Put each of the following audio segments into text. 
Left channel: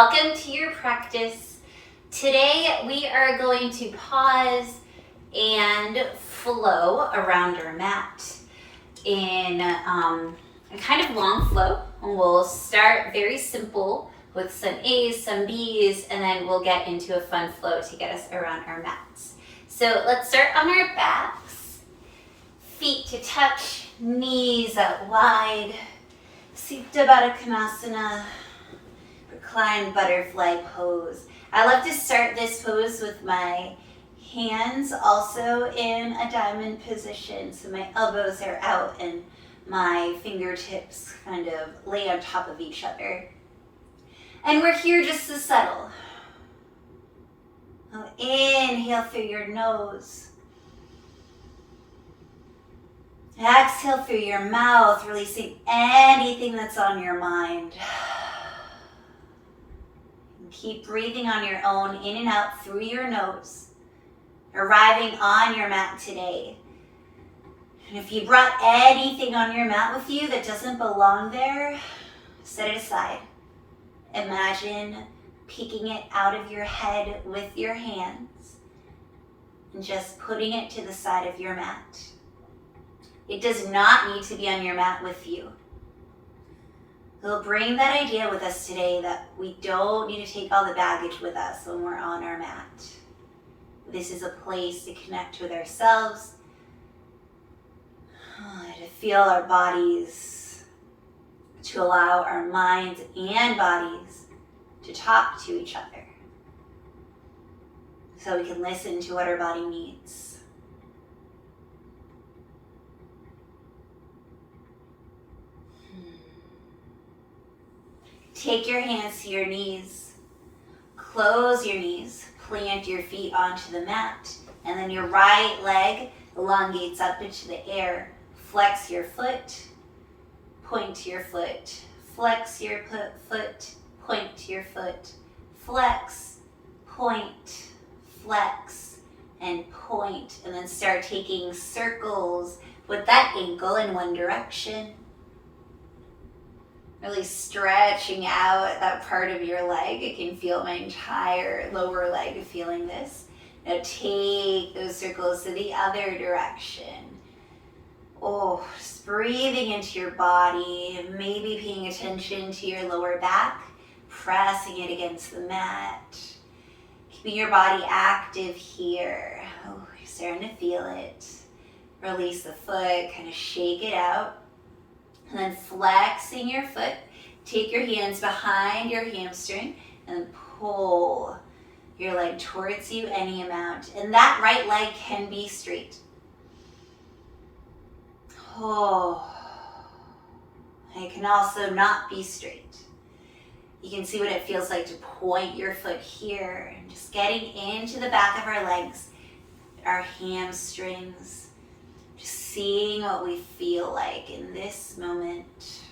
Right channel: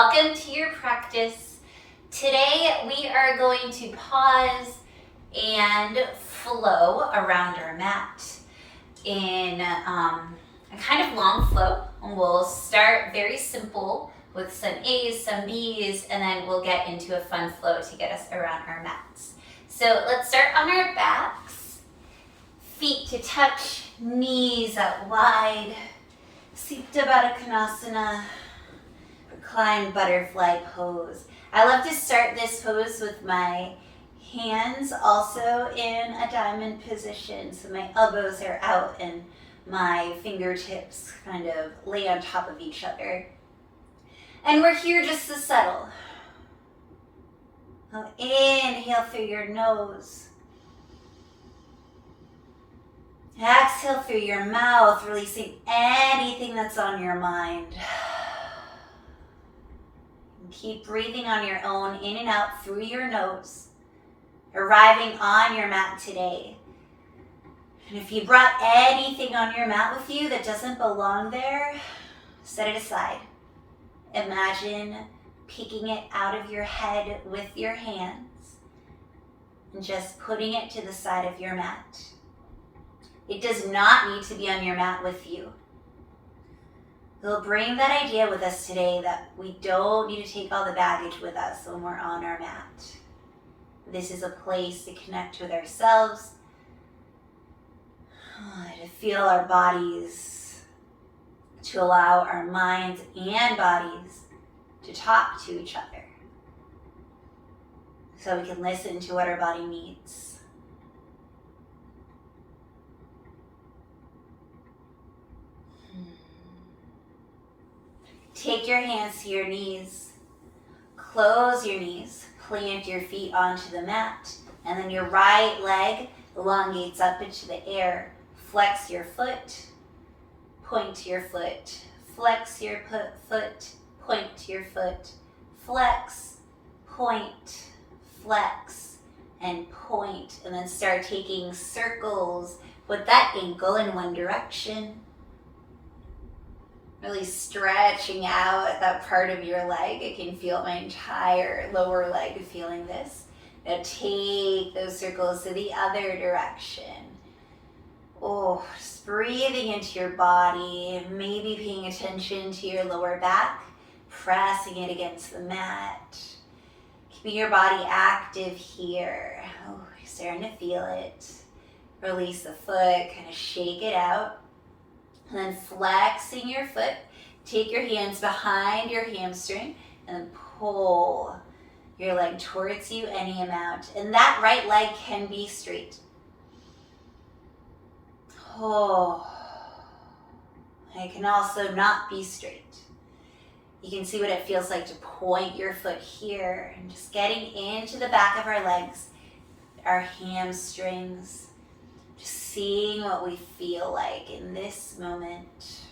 Welcome to your practice. Today we are going to pause and flow around our mat in a kind of long flow. And we'll start very simple with some A's, some B's, and then we'll get into a fun flow to get us around our mats. So let's start on our backs, feet to touch, knees out wide, Supta Baddha Konasana, reclined butterfly pose. I love to start this pose with my hands also in a diamond position. So my elbows are out and my fingertips kind of lay on top of each other. And we're here just to settle. Now inhale through your nose. Exhale through your mouth, releasing anything that's on your mind. And keep breathing on your own, in and out through your nose, arriving on your mat today. And if you brought anything on your mat with you that doesn't belong there, set it aside. Imagine picking it out of your head with your hands and just putting it to the side of your mat. It does not need to be on your mat with you. We'll bring that idea with us today that we don't need to take all the baggage with us when we're on our mat. This is a place to connect with ourselves, to feel our bodies, to allow our minds and bodies to talk to each other so we can listen to what our body needs. Take your hands to your knees, close your knees, plant your feet onto the mat, and then your right leg elongates up into the air. Flex your foot, point to your foot, flex your foot, point to your foot, flex, point, flex, and point, and then start taking circles with that ankle in one direction. Really stretching out that part of your leg. I can feel my entire lower leg feeling this. Now take those circles to the other direction. Just breathing into your body, maybe paying attention to your lower back, pressing it against the mat. Keeping your body active here. You're starting to feel it. Release the foot, kind of shake it out. And then flexing your foot, take your hands behind your hamstring and then pull your leg towards you any amount. And that right leg can be straight. It can also not be straight. You can see what it feels like to point your foot here and just getting into the back of our legs, our hamstrings. Just seeing what we feel like in this moment.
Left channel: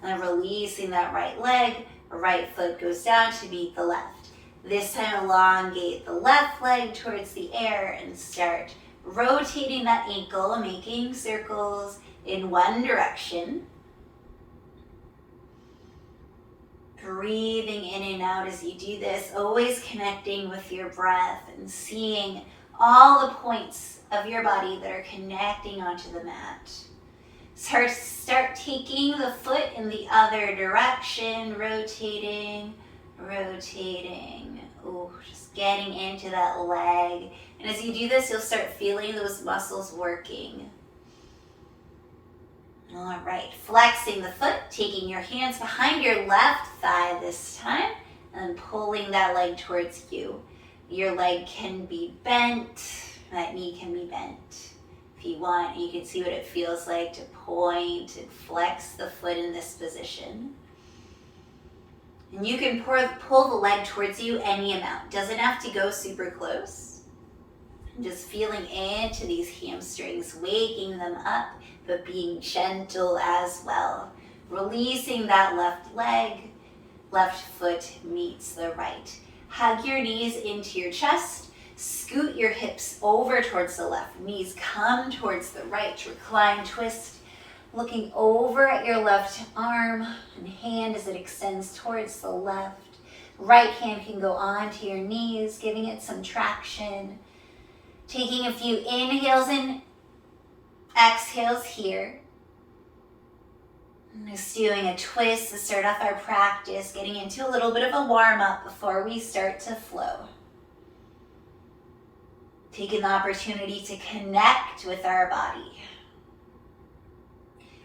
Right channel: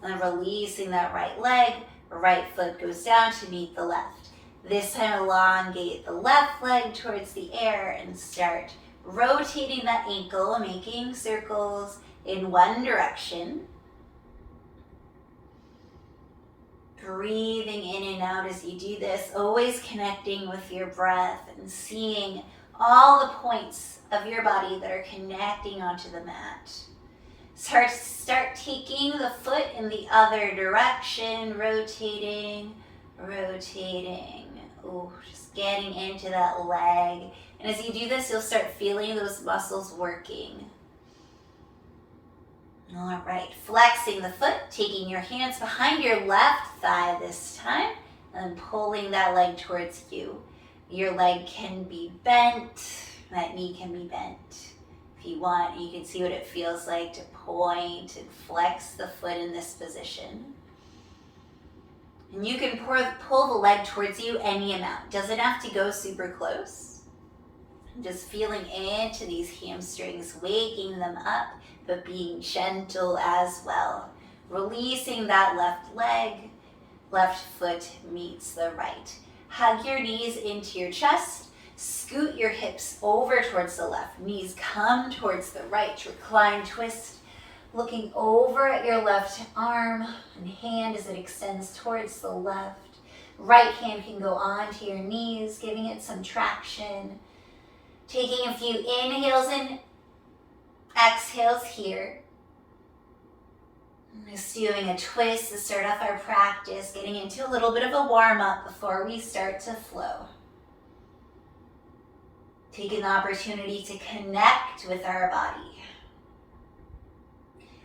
And then releasing that right leg, right foot goes down to meet the left. This time elongate the left leg towards the air and start rotating that ankle, making circles in one direction. Breathing in and out as you do this, always connecting with your breath and seeing all the points of your body that are connecting onto the mat. Start taking the foot in the other direction, rotating. Just getting into that leg. And as you do this, you'll start feeling those muscles working. All right, flexing the foot, taking your hands behind your left thigh this time, and pulling that leg towards you. Your leg can be bent, that knee can be bent. If you want, you can see what it feels like to point and flex the foot in this position. And you can pull the leg towards you any amount. Doesn't have to go super close. Just feeling into these hamstrings, waking them up, but being gentle as well. Releasing that left leg, left foot meets the right. Hug your knees into your chest. Scoot your hips over towards the left. Knees come towards the right. Recline, twist. Looking over at your left arm and hand as it extends towards the left. Right hand can go onto your knees, giving it some traction. Taking a few inhales and exhales here. Just doing a twist to start off our practice, getting into a little bit of a warm-up before we start to flow. Taking the opportunity to connect with our body.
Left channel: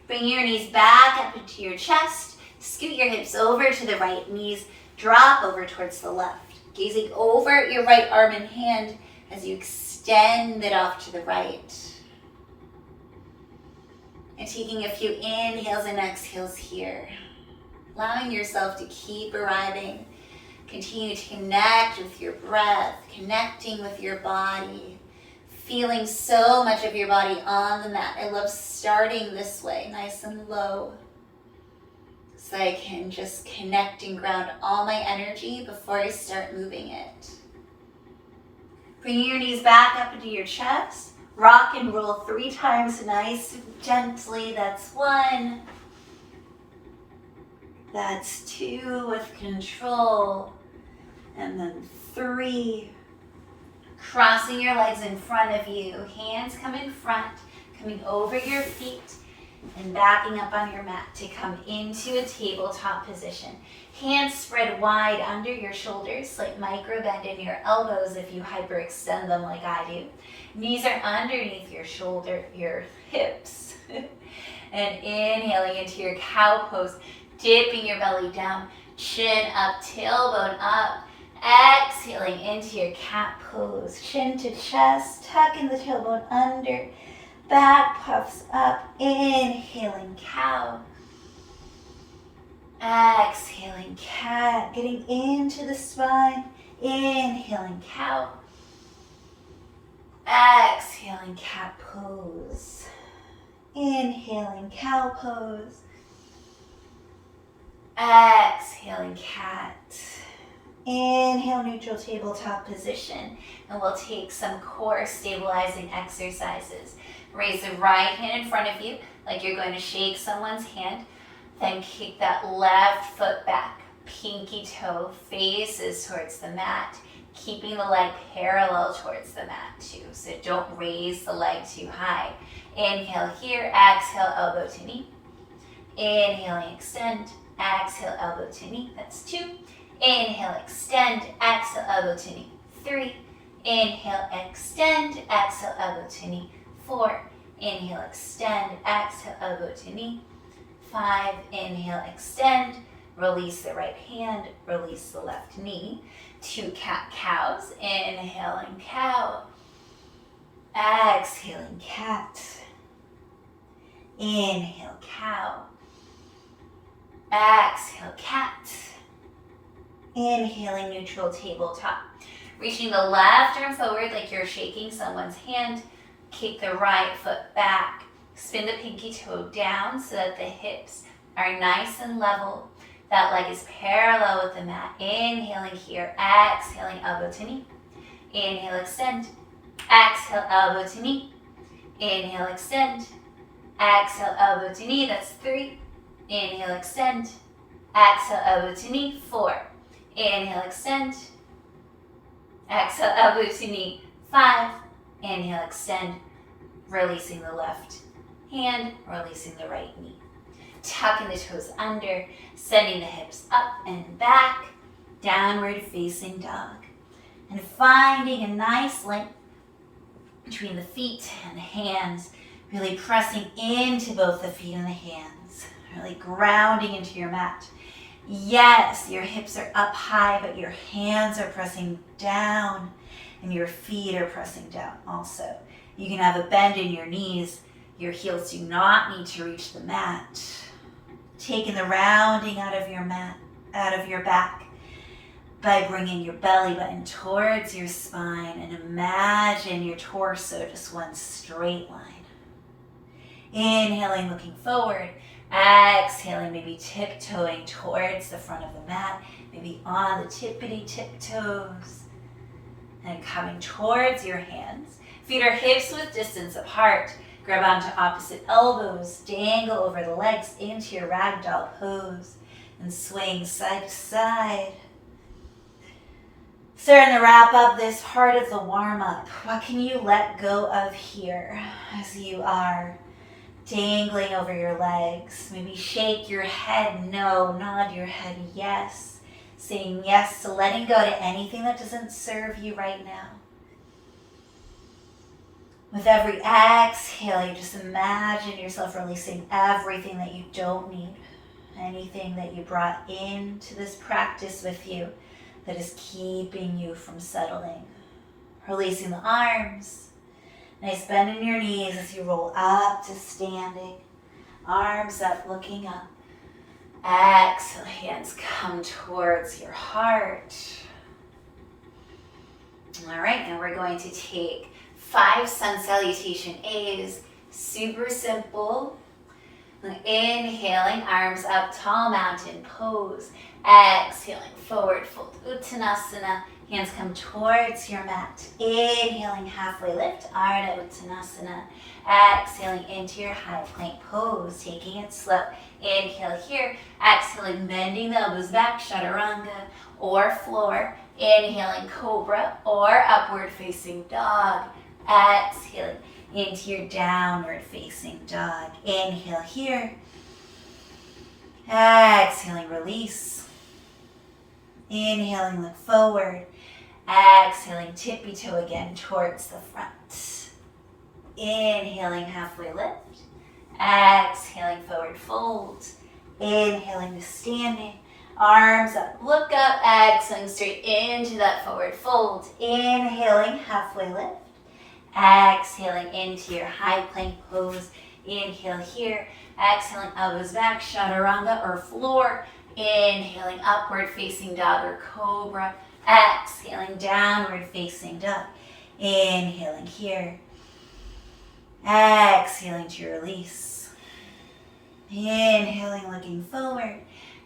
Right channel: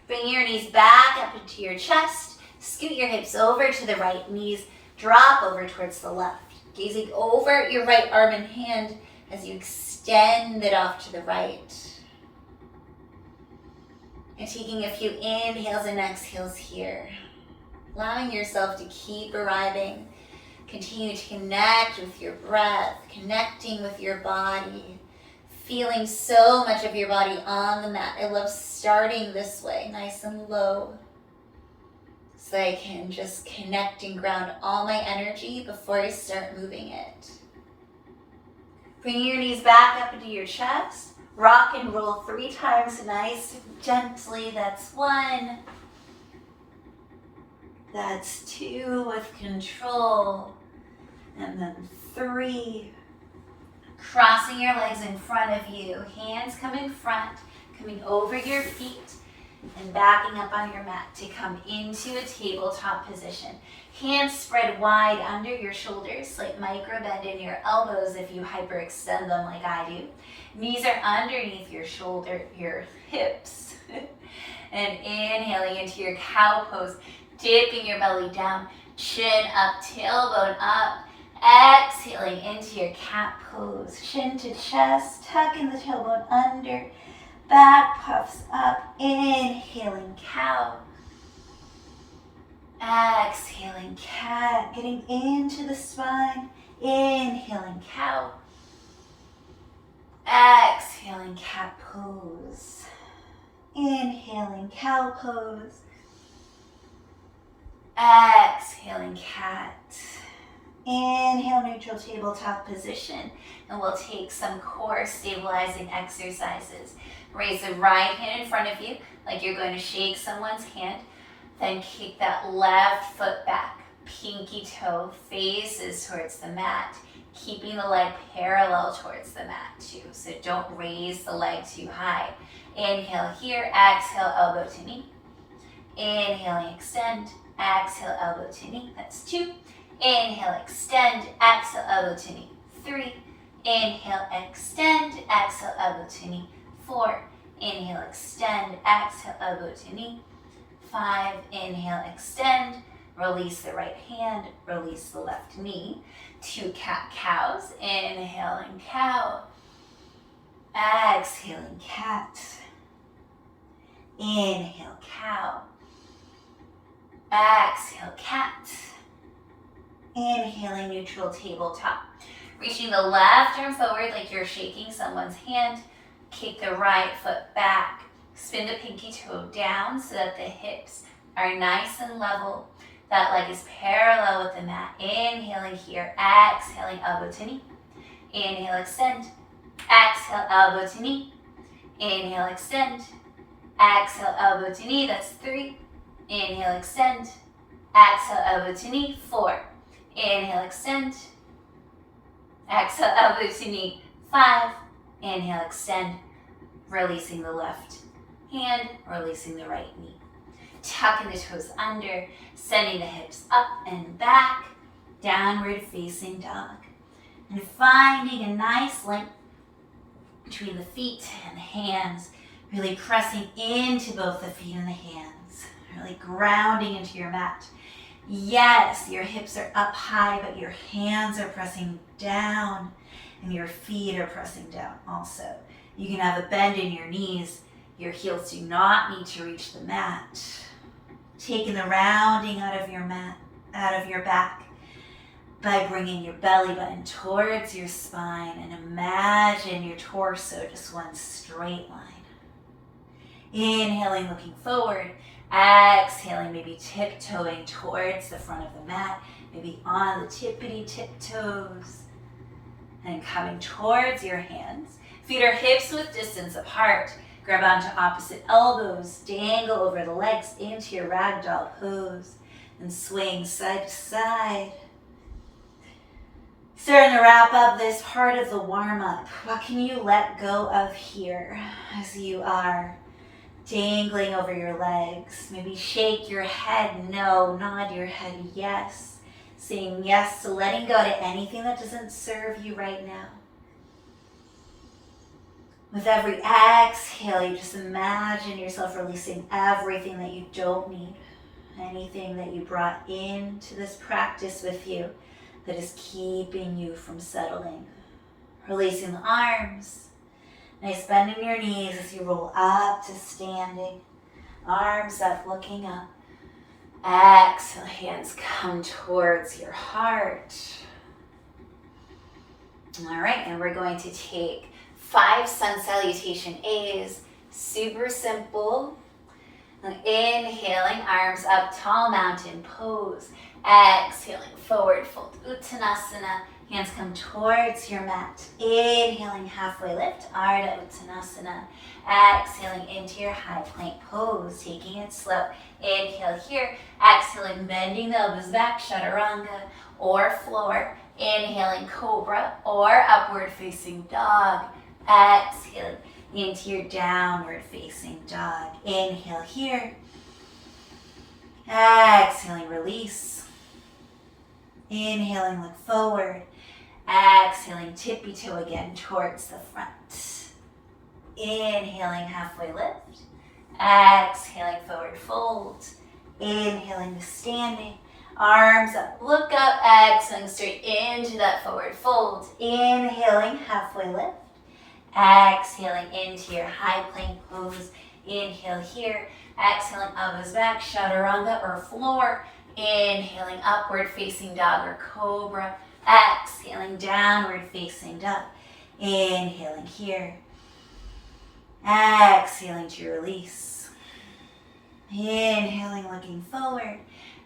Bring your knees back up into your chest. Scoot your hips over to the right. Knees drop over towards the left. Gazing over at your right arm and hand as you extend it off to the right. And taking a few inhales and exhales here. Allowing yourself to keep arriving. Continue to connect with your breath, connecting with your body. Feeling so much of your body on the mat. I love starting this way, nice and low. So I can just connect and ground all my energy before I start moving it. Bring your knees back up into your chest. Rock and roll 3 times, nice and gently. That's 1. That's 2 with control. And then 3. Crossing your legs in front of you. Hands come in front, coming over your feet and backing up on your mat to come into a tabletop position. Hands spread wide under your shoulders, slight micro bend in your elbows if you hyperextend them like I do. Knees are underneath your hips. And inhaling into your cow pose, dipping your belly down, chin up, tailbone up. Exhaling into your cat pose, chin to chest, tucking the tailbone under, back puffs up, inhaling cow. Exhaling cat, getting into the spine, inhaling cow. Exhaling cat pose, inhaling cow pose. Exhaling cat. Inhale, neutral tabletop position, and we'll take some core stabilizing exercises. Raise the right hand in front of you like you're going to shake someone's hand. Then kick that left foot back. Pinky toe faces towards the mat, keeping the leg parallel towards the mat too. So don't raise the leg too high. Inhale here, exhale, elbow to knee. Inhaling, extend, exhale, elbow to knee. That's 2. Inhale, extend, exhale, elbow to knee. 3. Inhale, extend, exhale, elbow to knee. 4. Inhale, extend, exhale, elbow to knee. 5. Inhale, extend, release the right hand, release the left knee. 2 cat-cows, inhaling cow. Exhaling cat. Inhale, cow. Exhale, cat. Inhaling, neutral tabletop. Reaching the left arm forward like you're shaking someone's hand. Kick the right foot back. Spin the pinky toe down so that the hips are nice and level. That leg is parallel with the mat. Inhaling here, exhaling, elbow to knee. Inhale, extend. Exhale, elbow to knee. Inhale, extend. Exhale, elbow to knee. That's 3. Inhale, extend. Exhale, elbow to knee. 4. Inhale, extend. Exhale, elbow to knee. 5. Inhale, extend. Releasing the left hand, releasing the right knee. Tucking the toes under, sending the hips up and back, downward facing dog. And finding a nice length between the feet and the hands, really pressing into both the feet and the hands, really grounding into your mat. Yes, your hips are up high, but your hands are pressing down and your feet are pressing down also. You can have a bend in your knees. Your heels do not need to reach the mat. Taking the rounding out of your mat, out of your back by bringing your belly button towards your spine and imagine your torso just one straight line. Inhaling, looking forward. Exhaling, maybe tiptoeing towards the front of the mat, maybe on the tippity tiptoes. And coming towards your hands. Feet are hips width distance apart. Grab onto opposite elbows, dangle over the legs into your ragdoll pose, and swing side to side. Starting to wrap up this part of the warm-up. What can you let go of here as you are dangling over your legs? Maybe shake your head no, nod your head yes. Saying yes to letting go to anything that doesn't serve you right now. With every exhale, you just imagine yourself releasing everything that you don't need. Anything that you brought into this practice with you that is keeping you from settling. Releasing the arms. Nice bend in your knees as you roll up to standing. Arms up, looking up. Exhale, hands come towards your heart. All right, and we're going to take 5 sun salutation A's. Super simple. Inhaling, arms up, tall mountain pose. Exhaling, forward fold, Uttanasana. Hands come towards your mat. Inhaling, halfway lift, Ardha Uttanasana. Exhaling into your high plank pose, taking it slow. Inhale here. Exhaling, bending the elbows back, Chaturanga or floor. Inhaling, cobra or upward facing dog. Exhaling into your downward facing dog. Inhale here. Exhaling, release. Inhaling, look forward. Exhaling, tippy toe again towards the front. Inhaling, halfway lift. Exhaling, forward fold. Inhaling to standing. Arms up, look up. Exhaling, straight into that forward fold. Inhaling, halfway lift. Exhaling into your high plank pose. Inhale here. Exhaling, elbows back, Chaturanga or floor. Inhaling, upward facing dog or cobra. Exhaling, downward facing dog. Inhaling here. Exhaling to release. Inhaling, looking forward.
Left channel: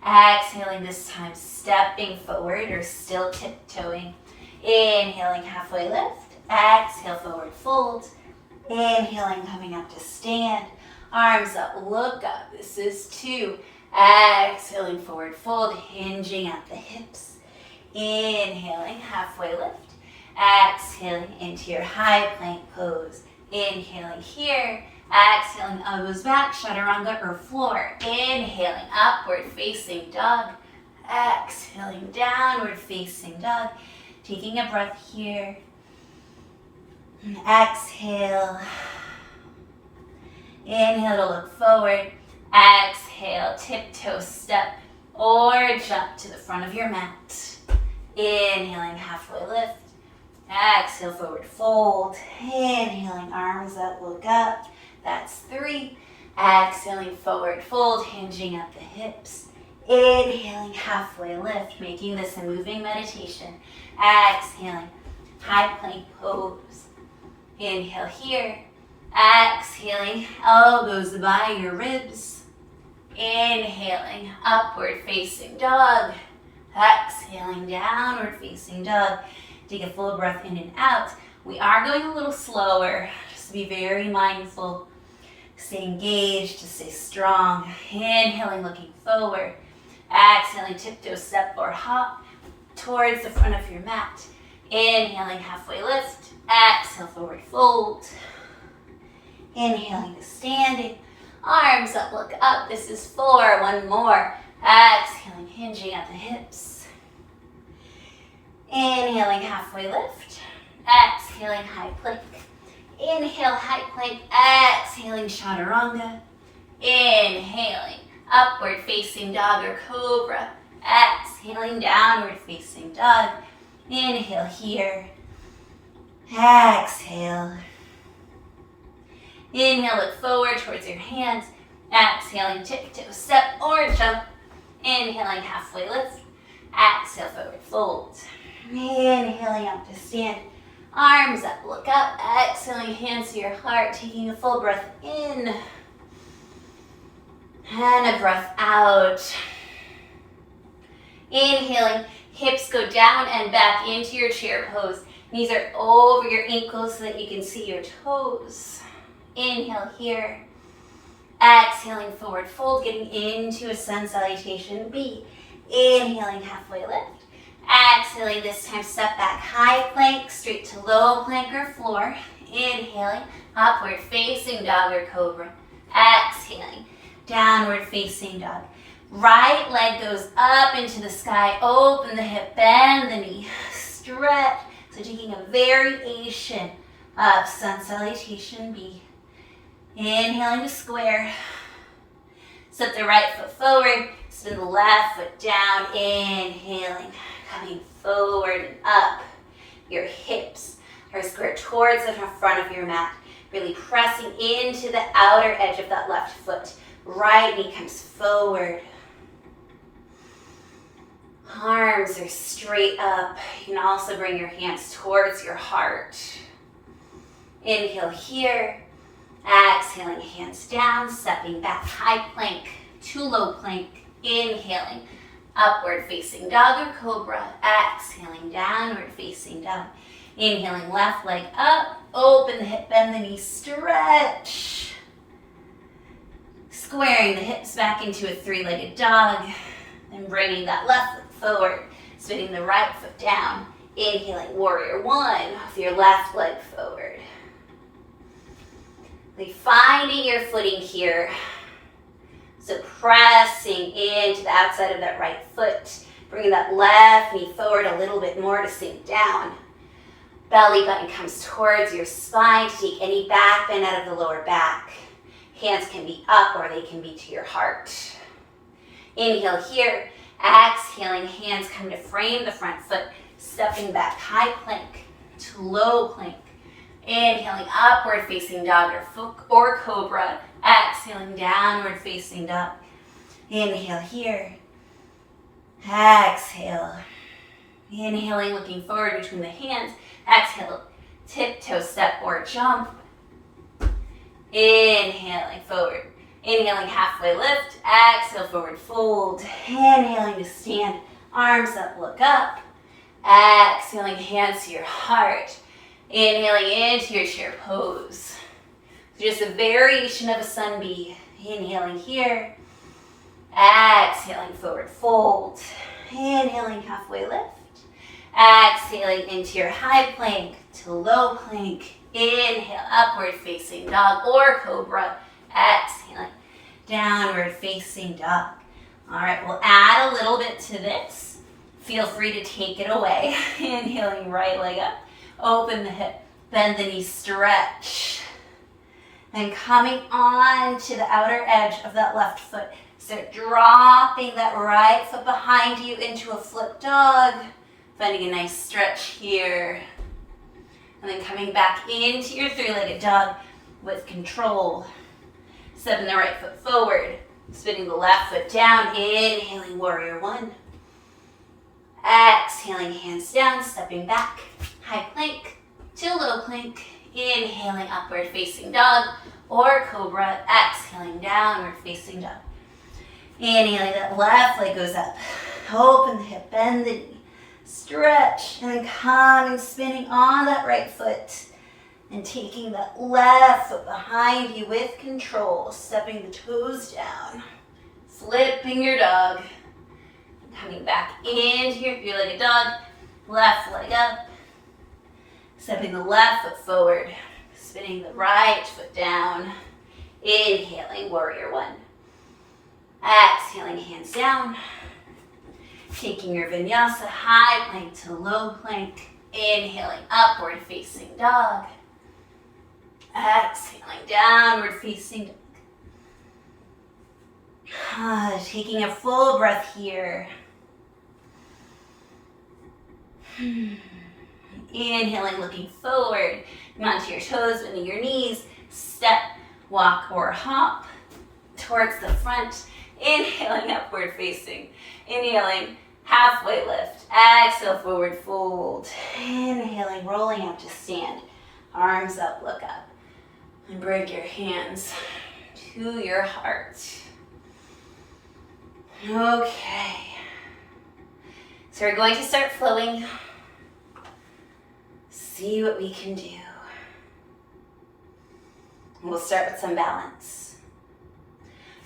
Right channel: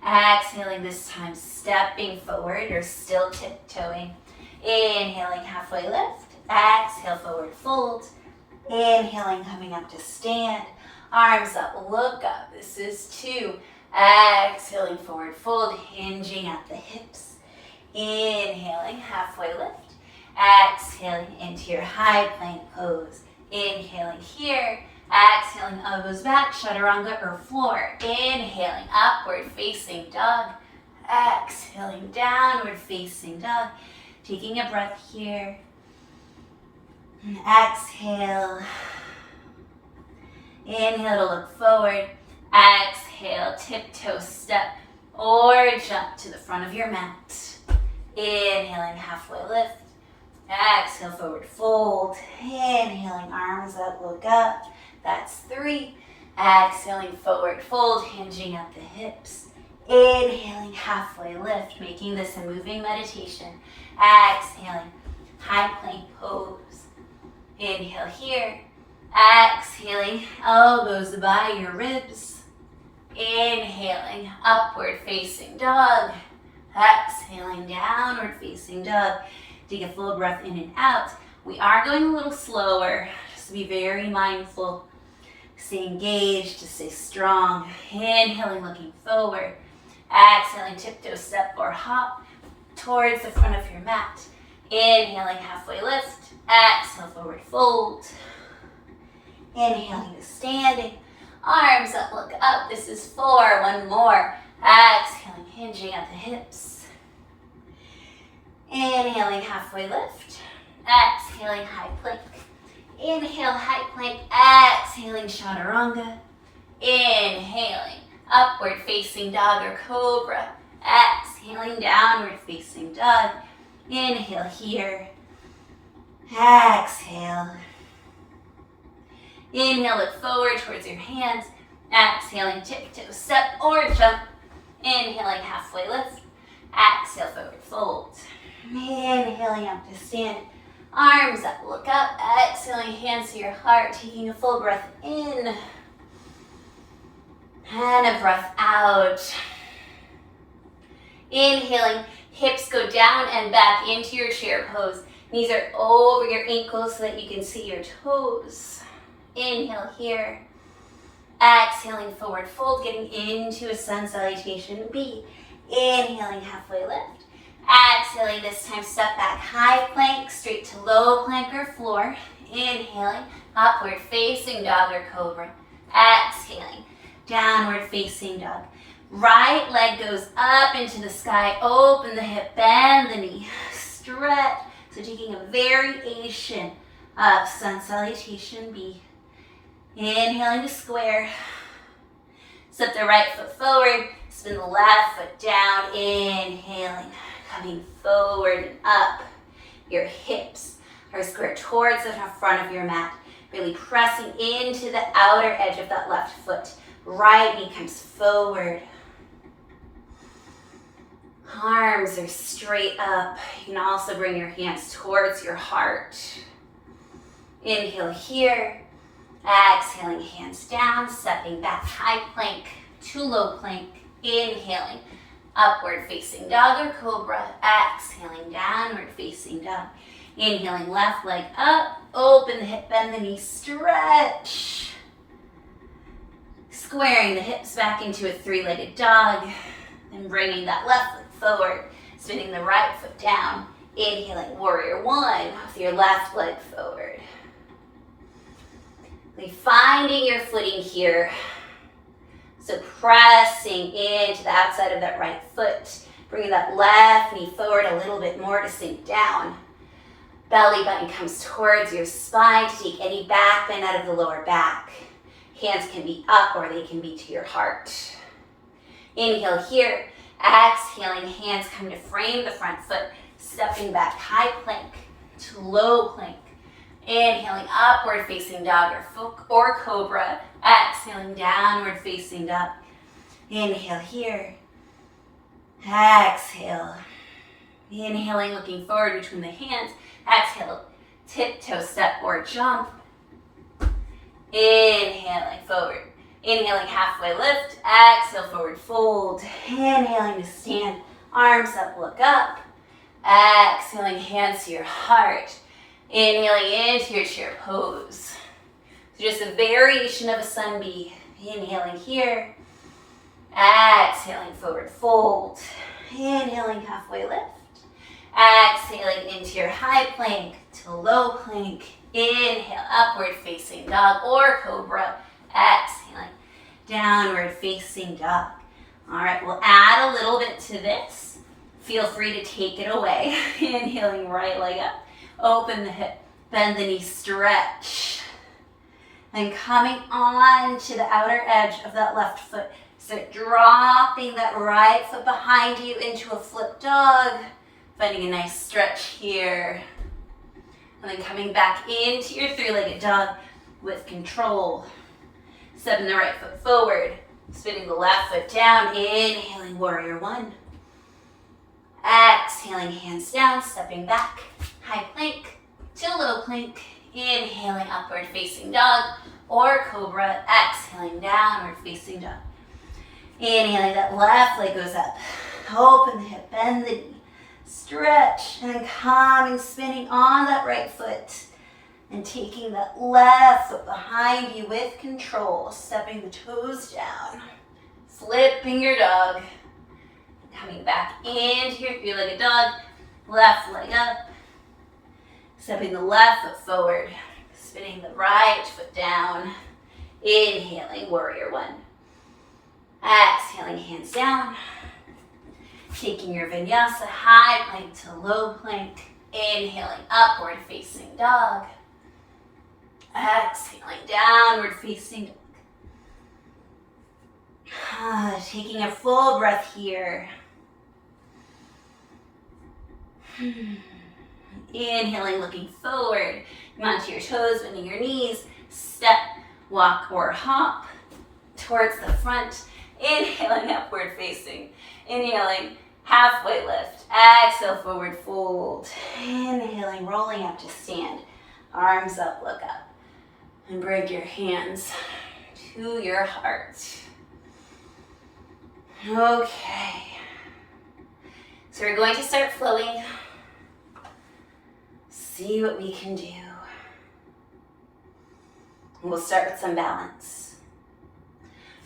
Exhaling, this time stepping forward or still tiptoeing. Inhaling, halfway lift. Exhale, forward fold. Inhaling, coming up to stand. Arms up, look up. This is 2. Exhaling, forward fold, hinging at the hips. Inhaling, halfway lift. Exhaling into your high plank pose. Inhaling here. Exhaling, elbows back, Chaturanga or floor. Inhaling, upward facing dog. Exhaling, downward facing dog. Taking a breath here. And exhale. Inhale to look forward. Exhale, tiptoe step or jump to the front of your mat. Inhaling, halfway lift. Exhale, forward fold. Inhaling, arms up, look up. That's 3. Exhaling, forward fold, hinging at the hips. Inhaling, halfway lift, making this a moving meditation. Exhaling, high plank pose. Inhale here. Exhaling, elbows by your ribs. Inhaling, upward facing dog. Exhaling, downward facing dog. Take a full breath in and out. We are going a little slower, just to be very mindful. Stay engaged, to stay strong. Inhaling, looking forward. Exhaling, tiptoe step or hop towards the front of your mat. Inhaling, halfway lift. Exhale, forward fold. Inhaling to standing. Arms up, look up. This is 4. 1 more. Exhaling, hinging at the hips. Inhaling, halfway lift. Exhaling, high plank. Inhale, high plank. Exhaling, Chaturanga. Inhaling, upward facing dog or cobra. Exhaling, downward facing dog. Inhale here. Exhale. Inhale, look forward towards your hands. Exhaling, tiptoe step or jump. Inhaling, halfway lift. Exhale, forward fold. Inhaling up to stand. Arms up, look up. Exhaling, hands to your heart. Taking a full breath in. And a breath out. Inhaling, hips go down and back into your chair pose. Knees are over your ankles so that you can see your toes. Inhale here. Exhaling, forward fold, getting into a sun salutation B. Inhaling, halfway lift. Exhaling, this time step back, high plank, straight to low plank or floor. Inhaling, upward facing dog or cobra. Exhaling, downward facing dog. Right leg goes up into the sky, open the hip, bend the knee, stretch. So taking a variation of sun salutation B. Inhaling to square. Step the right foot forward, spin the left foot down, inhaling, coming forward and up. Your hips are square towards the front of your mat, really pressing into the outer edge of that left foot. Right knee comes forward. Arms are straight up. You can also bring your hands towards your heart. Inhale here. Exhaling, hands down, stepping back, high plank to low plank. Inhaling, upward facing dog or cobra. Exhaling, downward facing dog. Inhaling, left leg up, open the hip, bend the knee, stretch. Squaring the hips back into a three-legged dog. And bringing that left foot forward, spinning the right foot down. Inhaling, warrior one, with your left leg forward. Finding your footing here. So pressing into the outside of that right foot. Bringing that left knee forward a little bit more to sink down. Belly button comes towards your spine to take any back bend out of the lower back. Hands can be up or they can be to your heart. Inhale here. Exhaling, hands come to frame the front foot. Stepping back, high plank to low plank. Inhaling, upward facing dog or cobra. Exhaling, downward facing dog. Inhale here. Exhale. Inhaling, looking forward between the hands. Exhale, tiptoe step or jump. Inhaling, forward. Inhaling, halfway lift. Exhale, forward fold. Inhaling to stand. Arms up, look up. Exhaling, hands to your heart. Inhaling into your chair pose. So just a variation of a sun bee. Inhaling here. Exhaling, forward fold. Inhaling, halfway lift. Exhaling into your high plank to low plank. Inhale, upward facing dog or cobra. Exhaling, downward facing dog. All right, we'll add a little bit to this. Feel free to take it away. Inhaling, right leg up. Open the hip, bend the knee, stretch. Then coming on to the outer edge of that left foot. Start dropping that right foot behind you into a flip dog. Finding a nice stretch here. And then coming back into your three-legged dog with control. Stepping the right foot forward. Spinning the left foot down. Inhaling, warrior one. Exhaling, hands down, stepping back. High plank to low plank. Inhaling, upward facing dog or cobra. Exhaling, downward facing dog. Inhaling, that left leg goes up. Open the hip, bend the knee. Stretch, and then coming, spinning on that right foot. And taking that left foot behind you with control. Stepping the toes down. Flipping your dog. Coming back into your three-legged dog. Left leg up. Stepping the left foot forward. Spinning the right foot down. Inhaling, warrior one. Exhaling, hands down. Taking your vinyasa, high plank to low plank. Inhaling, upward facing dog. Exhaling, downward facing dog. Taking a full breath here. Inhaling, looking forward. Come onto your toes, bending your knees. Step, walk, or hop towards the front. Inhaling, upward facing. Inhaling, halfway lift. Exhale, forward fold. Inhaling, rolling up to stand. Arms up, look up. And bring your hands to your heart. Okay. So we're going to start flowing. See what we can do. We'll start with some balance.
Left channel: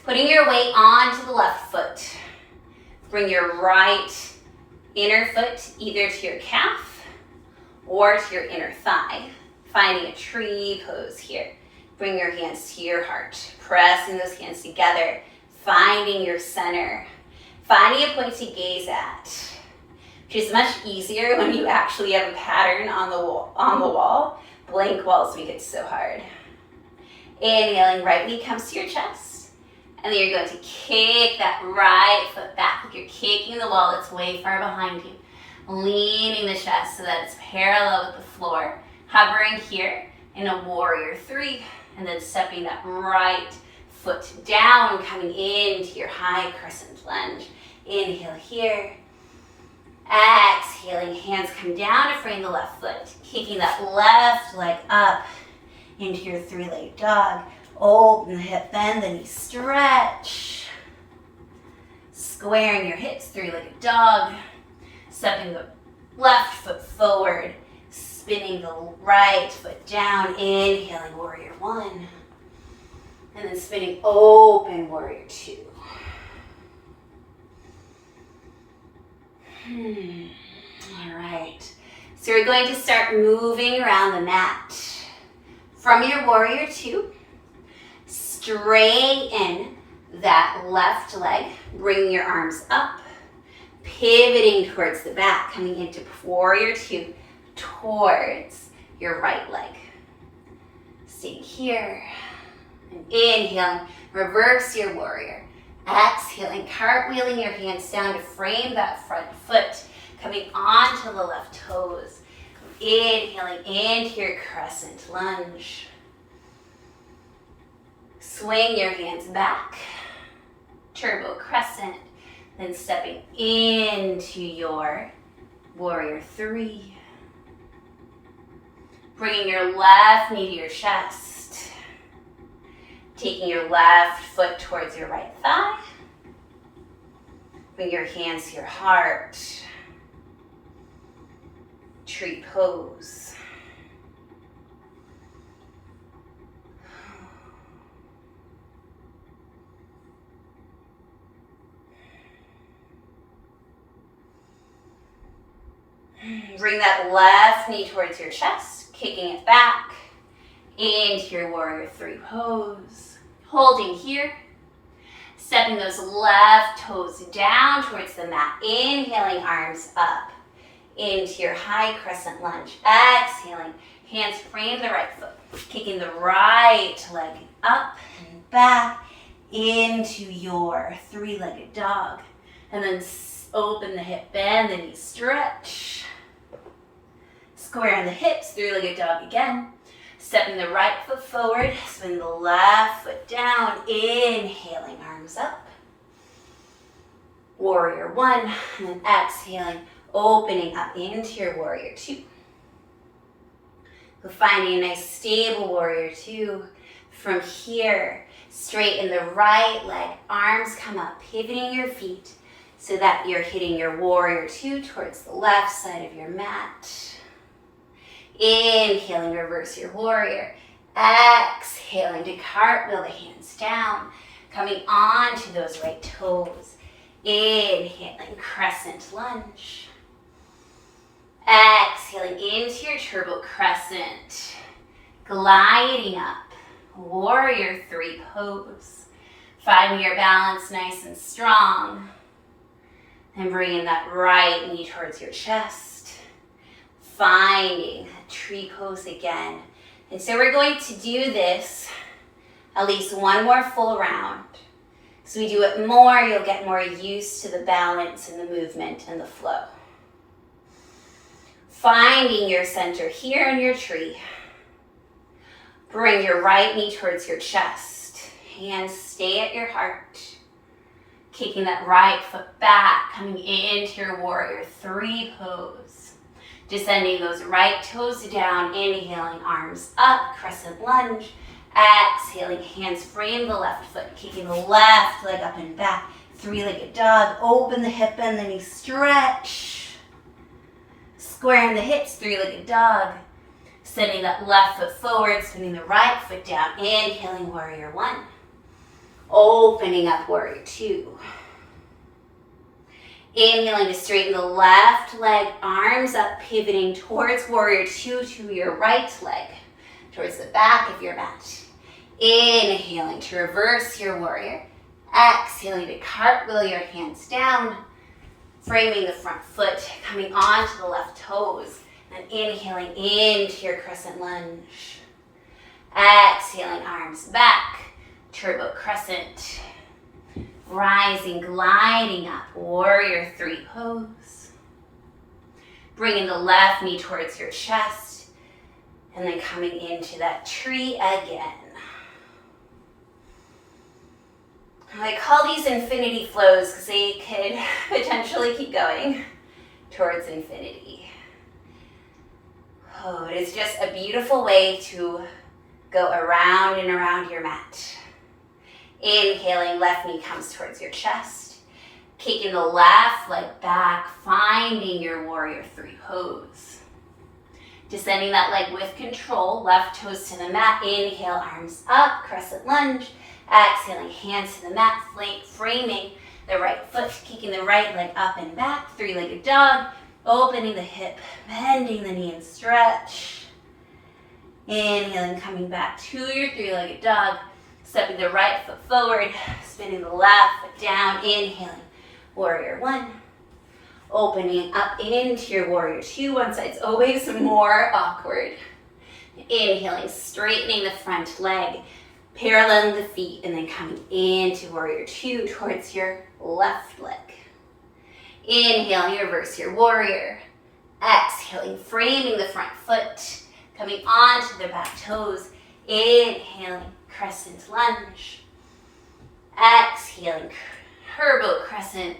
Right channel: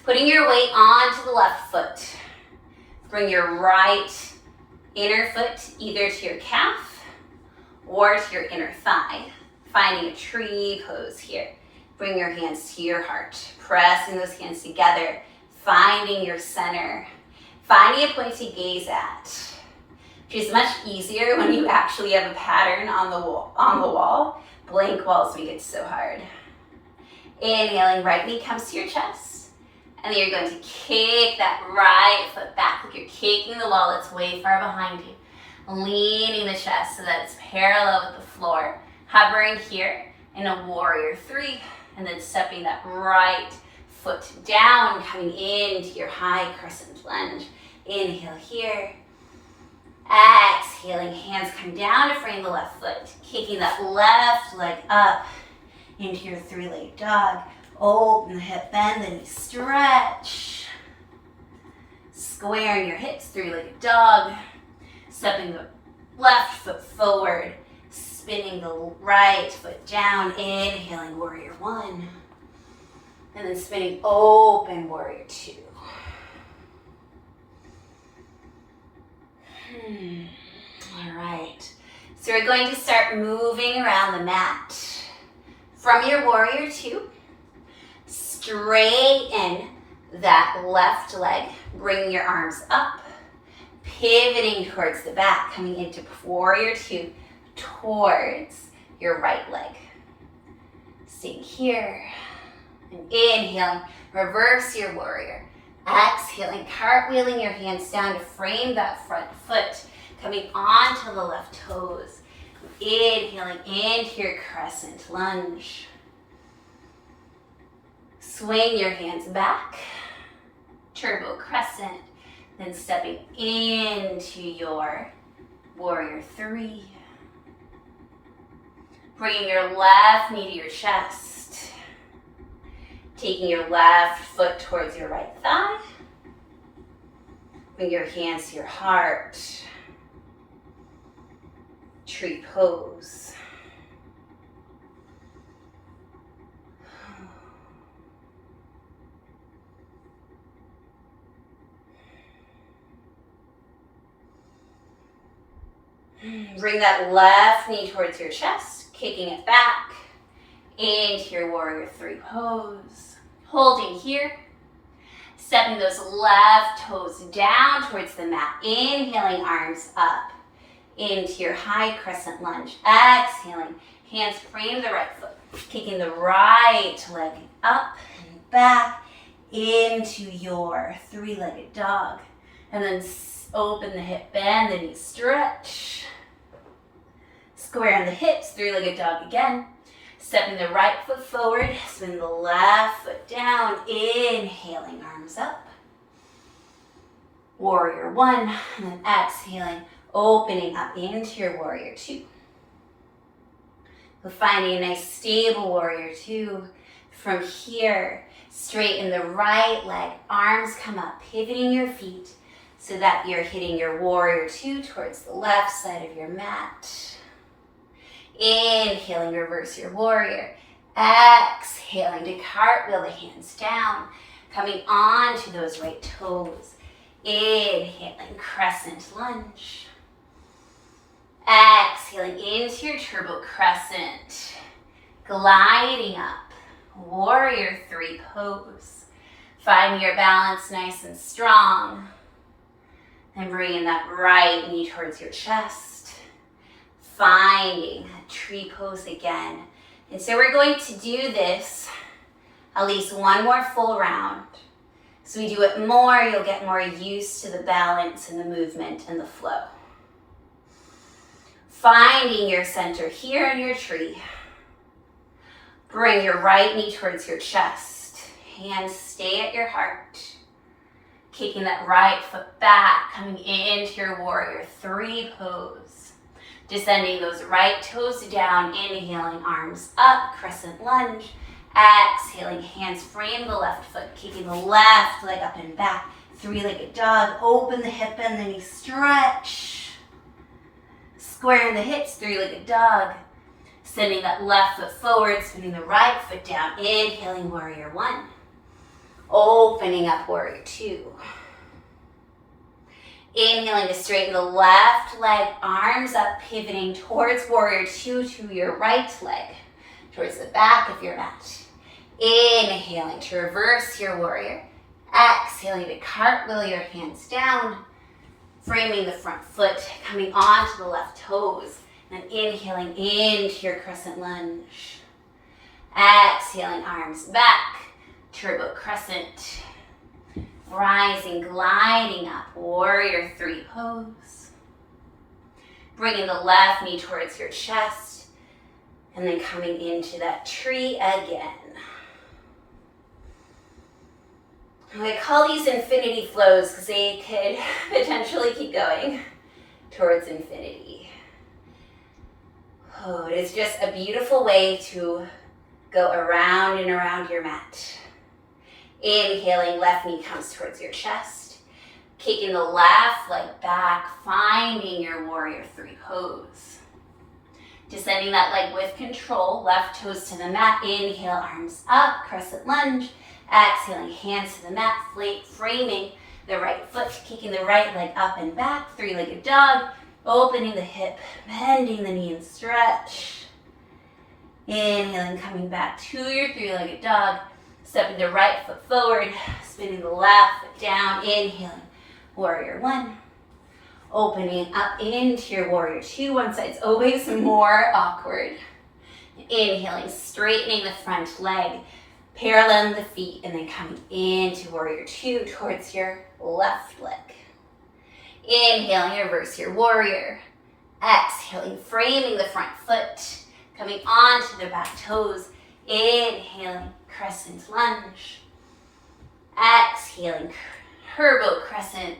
Putting your weight onto the left foot. Bring your right inner foot either to your calf or to your inner thigh. Finding a tree pose here. Bring your hands to your heart. Pressing those hands together. Finding your center. Finding a point to gaze at. Which is much easier when you actually have a pattern on the wall. Blank walls make it so hard. Inhaling, right knee comes to your chest. And then you're going to kick that right foot back like you're kicking the wall that's way far behind you. Leaning the chest so that it's parallel with the floor. Hovering here in a warrior 3. And then stepping that right foot down, coming into your high crescent lunge. Inhale here. Exhaling, hands come down to frame the left foot. Kicking that left leg up into your 3-legged dog. Open the hip, bend the knee, stretch. Squaring your hips, 3-legged dog. Stepping the left foot forward. Spinning the right foot down. Inhaling, warrior 1. And then spinning open, warrior 2. All right. So we're going to start moving around the mat. From your warrior 2, straighten that left leg, bringing your arms up, pivoting towards the back, coming into warrior 2, towards your right leg. Staying here. And inhaling, reverse your warrior. Exhaling, cartwheeling your hands down to frame that front foot, coming onto the left toes. Inhaling into your crescent lunge. Swing your hands back, turbo crescent, then stepping into your warrior 3. Bringing your left knee to your chest. Taking your left foot towards your right thigh. Bring your hands to your heart. Tree pose. Bring that left knee towards your chest, kicking it back into your warrior 3 pose. Holding here, stepping those left toes down towards the mat. Inhaling, arms up into your high crescent lunge. Exhaling, hands frame the right foot. Kicking the right leg up and back into your 3-legged dog. And then open the hip, bend the knee, stretch. Square the hips, 3-legged dog again. Stepping the right foot forward, spin the left foot down. Inhaling, arms up. Warrior 1, and then exhaling, opening up into your warrior 2. We're finding a nice stable warrior 2. From here, straighten the right leg, arms come up, pivoting your feet so that you're hitting your warrior 2 towards the left side of your mat. Inhaling, reverse your warrior. Exhaling to cartwheel the hands down, coming onto those right toes. Inhaling, crescent lunge. Exhaling into your turbo crescent. Gliding up, warrior 3 pose. Finding your balance nice and strong. And bringing that right knee towards your chest. Finding a tree pose again. And so we're going to do this at least one more full round. So we do it more, you'll get more used to the balance and the movement and the flow. Finding your center here in your tree. Bring your right knee towards your chest. Hands stay at your heart. Kicking that right foot back, coming into your warrior 3 pose. Descending those right toes down, inhaling, arms up, crescent lunge. Exhaling, hands frame the left foot, kicking the left leg up and back. 3-legged dog, open the hip, bend the knee, stretch. Squaring the hips, 3-legged dog. Sending that left foot forward, spinning the right foot down. Inhaling, warrior one. Opening up, warrior two. Inhaling to straighten the left leg, arms up, pivoting towards warrior two to your right leg, towards the back of your mat. Inhaling to reverse your warrior. Exhaling to cartwheel your hands down, framing the front foot, coming onto the left toes, and inhaling into your crescent lunge. Exhaling, arms back, turbo crescent. Rising, gliding up, warrior three pose. Bringing the left knee towards your chest, and then coming into that tree again. I call these infinity flows because they could potentially keep going towards infinity. Oh, it is just a beautiful way to go around and around your mat. Inhaling, left knee comes towards your chest. Kicking the left leg back, finding your warrior three pose. Descending that leg with control, left toes to the mat. Inhale, arms up, crescent lunge. Exhaling, hands to the mat, framing the right foot, kicking the right leg up and back, three-legged dog, opening the hip, bending the knee and stretch. Inhaling, coming back to your three-legged dog, stepping the right foot forward, spinning the left foot down, inhaling, warrior one. Opening up into your warrior two, one side's always more awkward. Inhaling, straightening the front leg, paralleling the feet, and then coming into warrior two towards your left leg. Inhaling, reverse your warrior. Exhaling, framing the front foot, coming onto the back toes. Inhaling, crescent lunge. Exhaling, turbo crescent,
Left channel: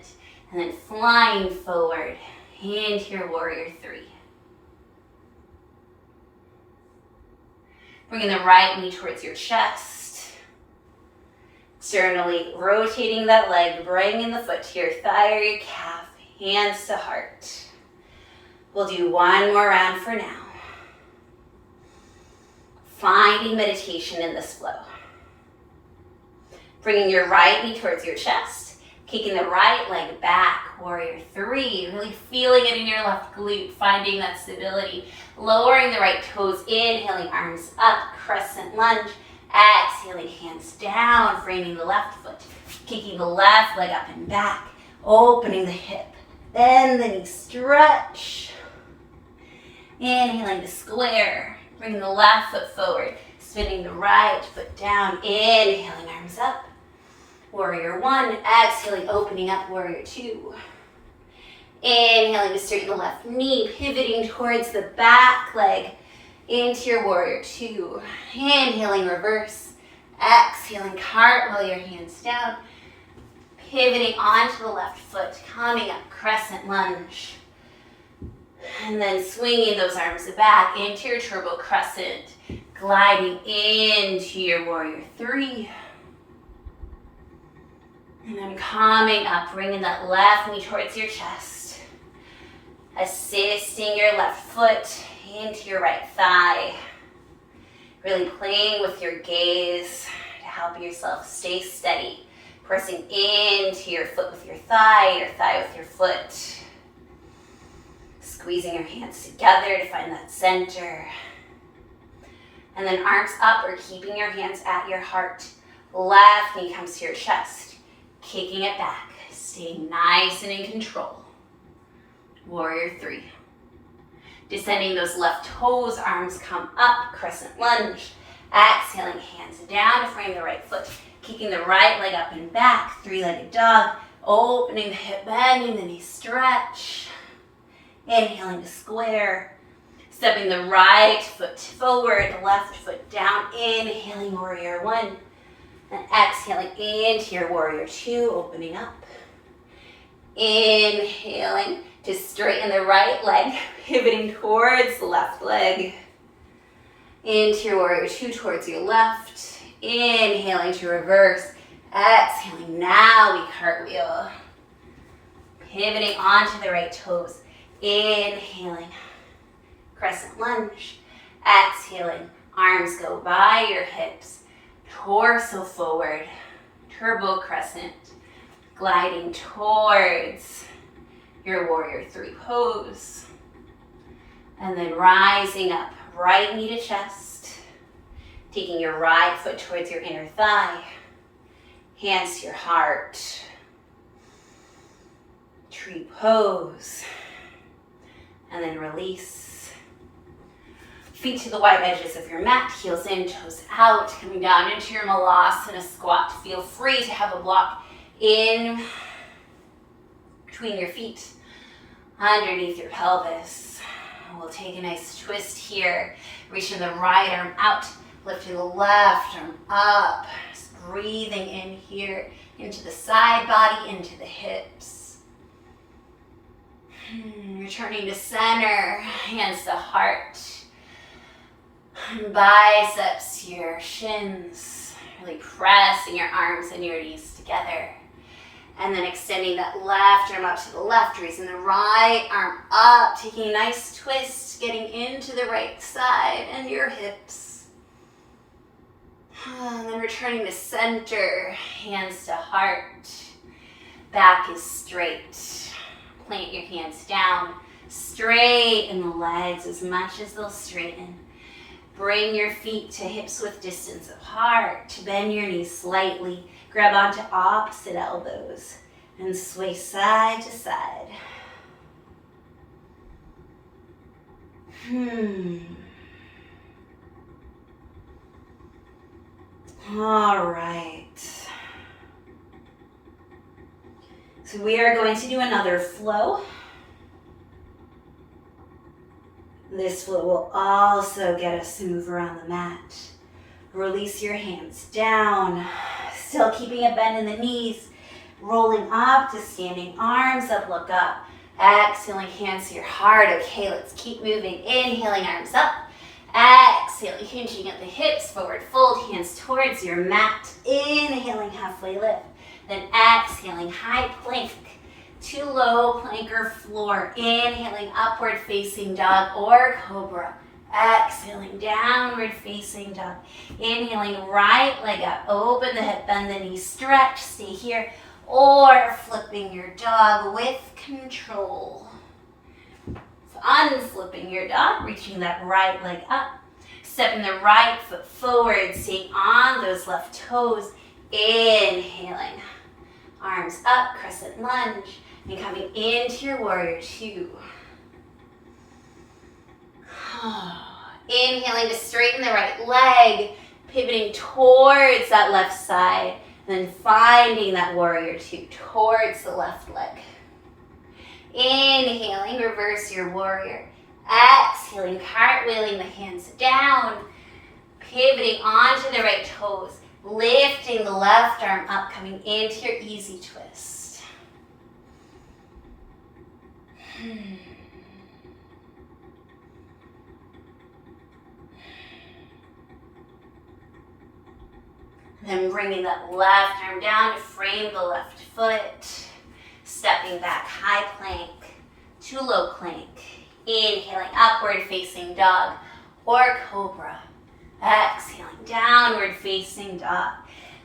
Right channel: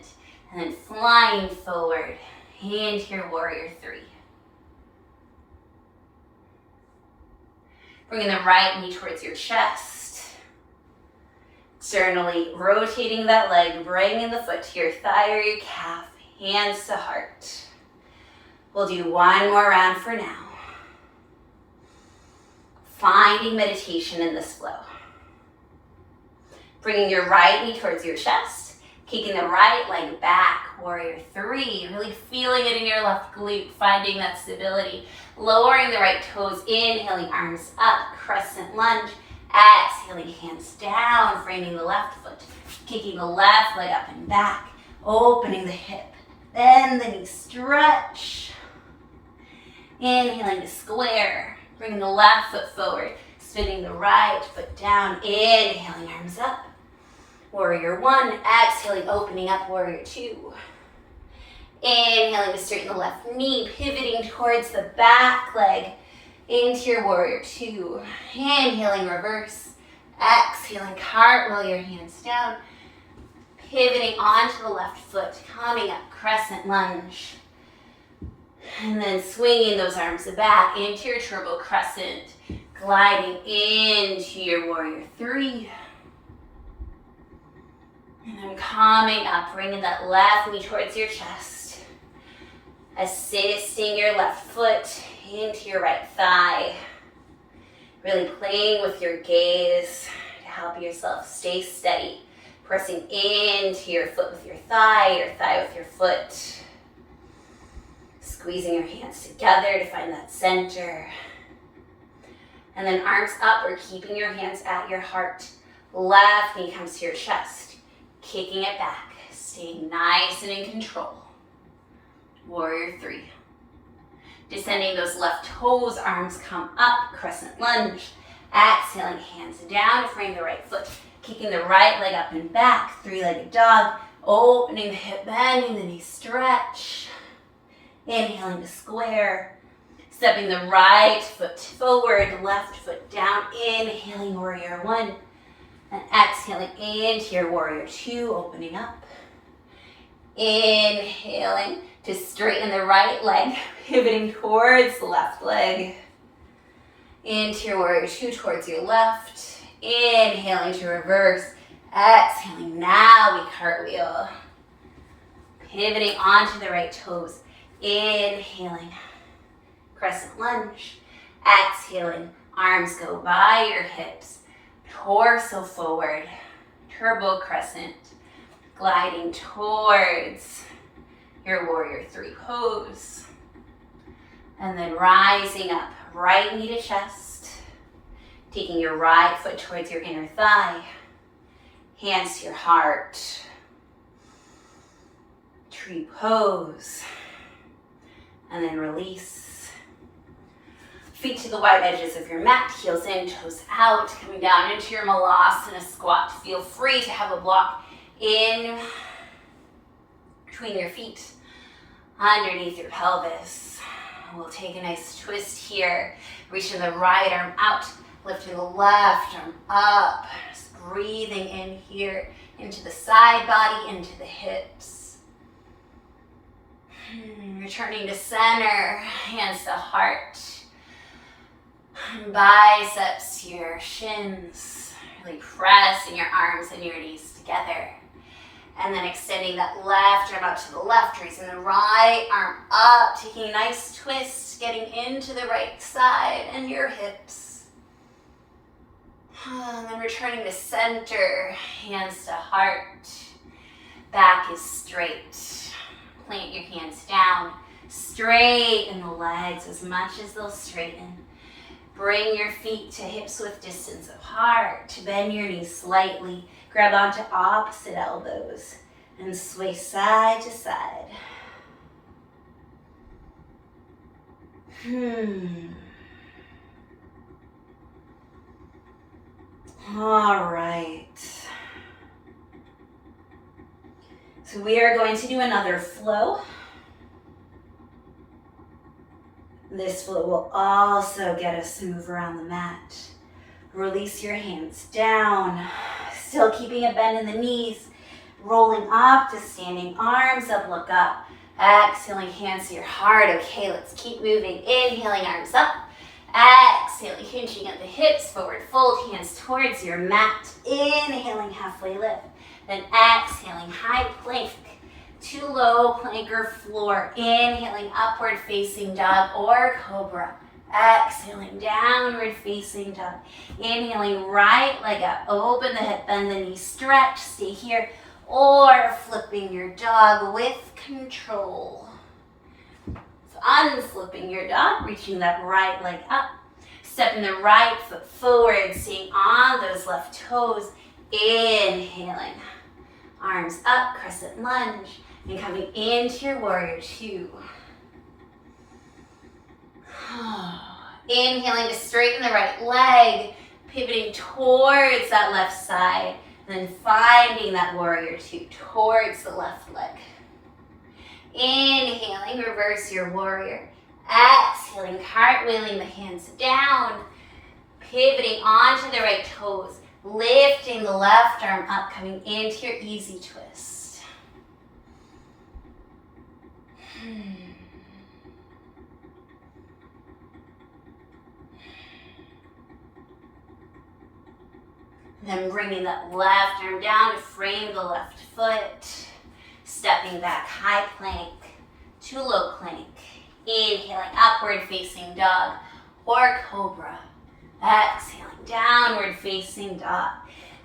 and then flying forward into your warrior three. Bringing the right knee towards your chest. Externally rotating that leg, bringing the foot to your thigh or your calf, hands to heart. We'll do one more round for now. Finding meditation in this flow. Bringing your right knee towards your chest, kicking the right leg back, warrior three, really feeling it in your left glute, finding that stability. Lowering the right toes, inhaling, arms up, crescent lunge. Exhaling, hands down, framing the left foot, kicking the left leg up and back, opening the hip, bend the knee, stretch. Inhaling to square, bringing the left foot forward, spinning the right foot down, inhaling, arms up, warrior one, exhaling, opening up, warrior two. Inhaling to straighten the left knee, pivoting towards the back leg, into your warrior two. Inhaling, reverse. Exhaling, cartwheel your hands down. Pivoting onto the left foot, coming up, crescent lunge. And then swinging those arms back into your turbo crescent, gliding into your warrior three. And then coming up, bringing that left knee towards your chest. Assisting your left foot into your right thigh. Really playing with your gaze to help yourself stay steady. Pressing into your foot with your thigh with your foot. Squeezing your hands together to find that center. And then arms up or keeping your hands at your heart. Left knee comes to your chest. Kicking it back. Staying nice and in control. Warrior three. Descending those left toes, arms come up, crescent lunge. Exhaling, hands down, frame the right foot. Kicking the right leg up and back, three-legged dog. Opening the hip, bending the knee, stretch. Inhaling to square. Stepping the right foot forward, left foot down. Inhaling, warrior one. And exhaling into your warrior two, opening up. Inhaling to straighten the right leg, pivoting towards the left leg. Into your warrior two, towards your left. Inhaling to reverse. Exhaling, now we cartwheel. Pivoting onto the right toes. Inhaling, crescent lunge. Exhaling, arms go by your hips, torso forward, turbo crescent, gliding towards your warrior three pose. And then rising up, right knee to chest, taking your right foot towards your inner thigh, hands to your heart, tree pose, and then release. Feet to the wide edges of your mat, heels in, toes out, coming down into your malasana squat. Feel free to have a block in between your feet, underneath your pelvis. We'll take a nice twist here, reaching the right arm out, lifting the left arm up, just breathing in here, into the side body, into the hips. Returning to center, hands to heart, biceps to your shins, really pressing your arms and your knees together. And then extending that left arm up to the left, raising the right arm up, taking a nice twist, getting into the right side and your hips. And then returning to center, hands to heart, back is straight. Plant your hands down, straighten the legs as much as they'll straighten. Bring your feet to hips width distance apart, bend your knees slightly. Grab onto opposite elbows and sway side to side. All right. So we are going to do another flow. This flow will also get us to move around the mat. Release your hands down. Still keeping a bend in the knees, rolling up to standing, arms up, look up. Exhaling, hands to your heart. Okay, let's keep moving. Inhaling, arms up. Exhaling, hinging at the hips, forward fold, hands towards your mat. Inhaling, halfway lift. Then exhaling, high plank to low plank or floor. Inhaling, upward facing dog or cobra. Exhaling, downward facing dog. Inhaling, right leg up, open the hip, bend the knee, stretch, stay here. Or flipping your dog with control. So unflipping your dog, reaching that right leg up. Stepping the right foot forward, staying on those left toes. Inhaling, arms up, crescent lunge. And coming into your warrior two. Inhaling to straighten the right leg, pivoting towards that left side, and then finding that warrior two towards the left leg. Inhaling, reverse your warrior. Exhaling, cartwheeling the hands down, pivoting onto the right toes, lifting the left arm up, coming into your easy twist. Then bringing that left arm down to frame the left foot. Stepping back, high plank to low plank. Inhaling, upward facing dog or cobra. Exhaling, downward facing dog.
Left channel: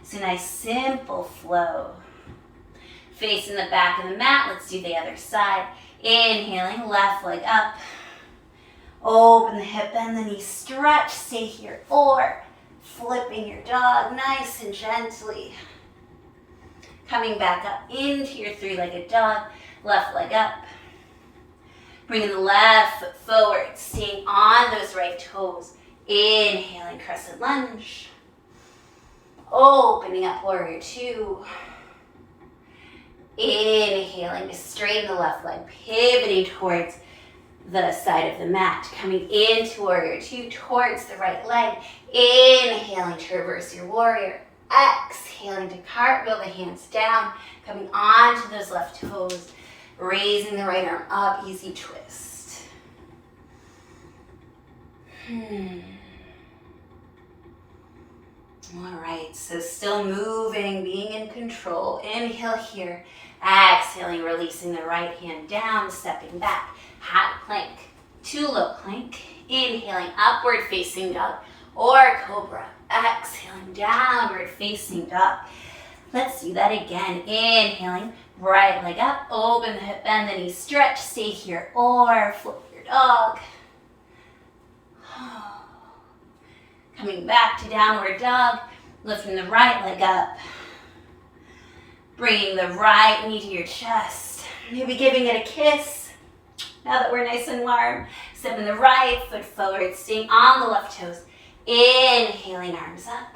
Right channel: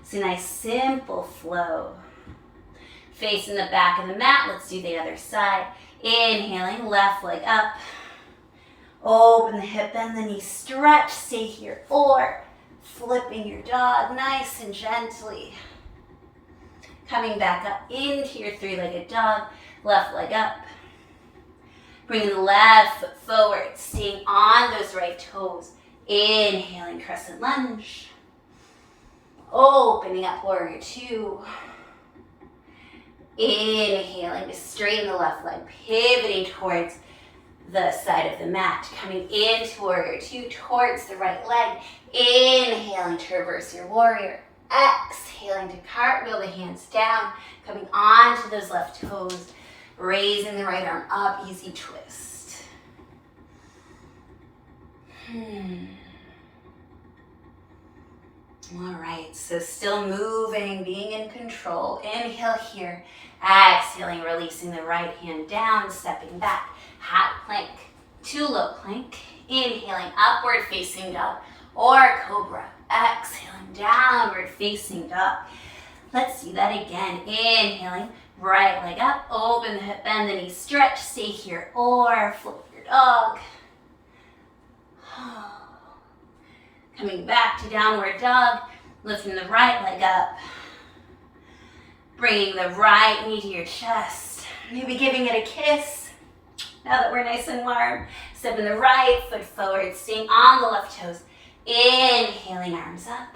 It's a nice simple flow. Facing the back of the mat, let's do the other side. Inhaling, left leg up. Open the hip, bend the knee, stretch, stay here. Or flipping your dog nice and gently. Coming back up into your three-legged dog, left leg up. Bringing the left foot forward, staying on those right toes. Inhaling, crescent lunge. Opening up, warrior two. Inhaling to straighten the left leg, pivoting towards the side of the mat. Coming into warrior two, towards the right leg. Inhaling to reverse your warrior. Exhaling to cartwheel the hands down. Coming onto those left toes. Raising the right arm up, easy twist. All right, so still moving, being in control. Inhale here. Exhaling, releasing the right hand down, stepping back. Hat plank to low plank. Inhaling, upward facing dog or cobra. Exhaling, downward facing dog. Let's do that again. Inhaling, right leg up, open the hip, bend the knee, stretch, stay here, or flip your dog. Coming back to downward dog, lifting the right leg up. Bringing the right knee to your chest. Maybe giving it a kiss. Now that we're nice and warm, stepping the right foot forward, staying on the left toes. Inhaling, arms up.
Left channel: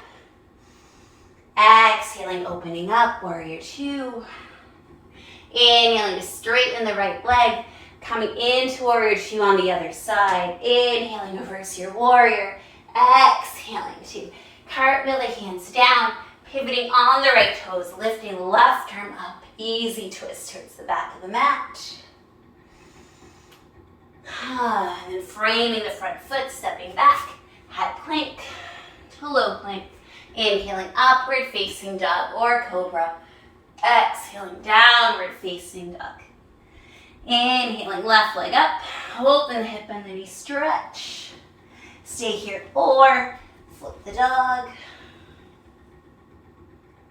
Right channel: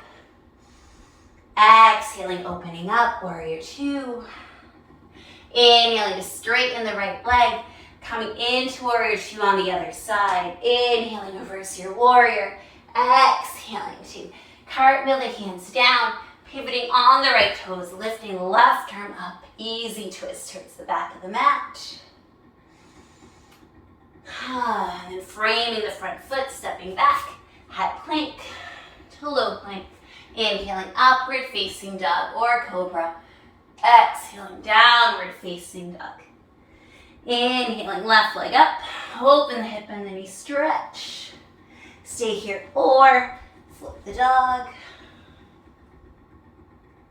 Exhaling, opening up, warrior two. Inhaling to straighten the right leg. Coming into warrior two on the other side. Inhaling, reverse your warrior. Exhaling to cartwheel the hands down. Pivoting on the right toes, lifting left arm up. Easy twist towards the back of the mat. And then framing the front foot, stepping back. High plank to low plank. Inhaling, upward facing dog or cobra. Exhaling, downward facing dog. Inhaling, left leg up. Open the hip and the knee, stretch. Stay here or flip the dog.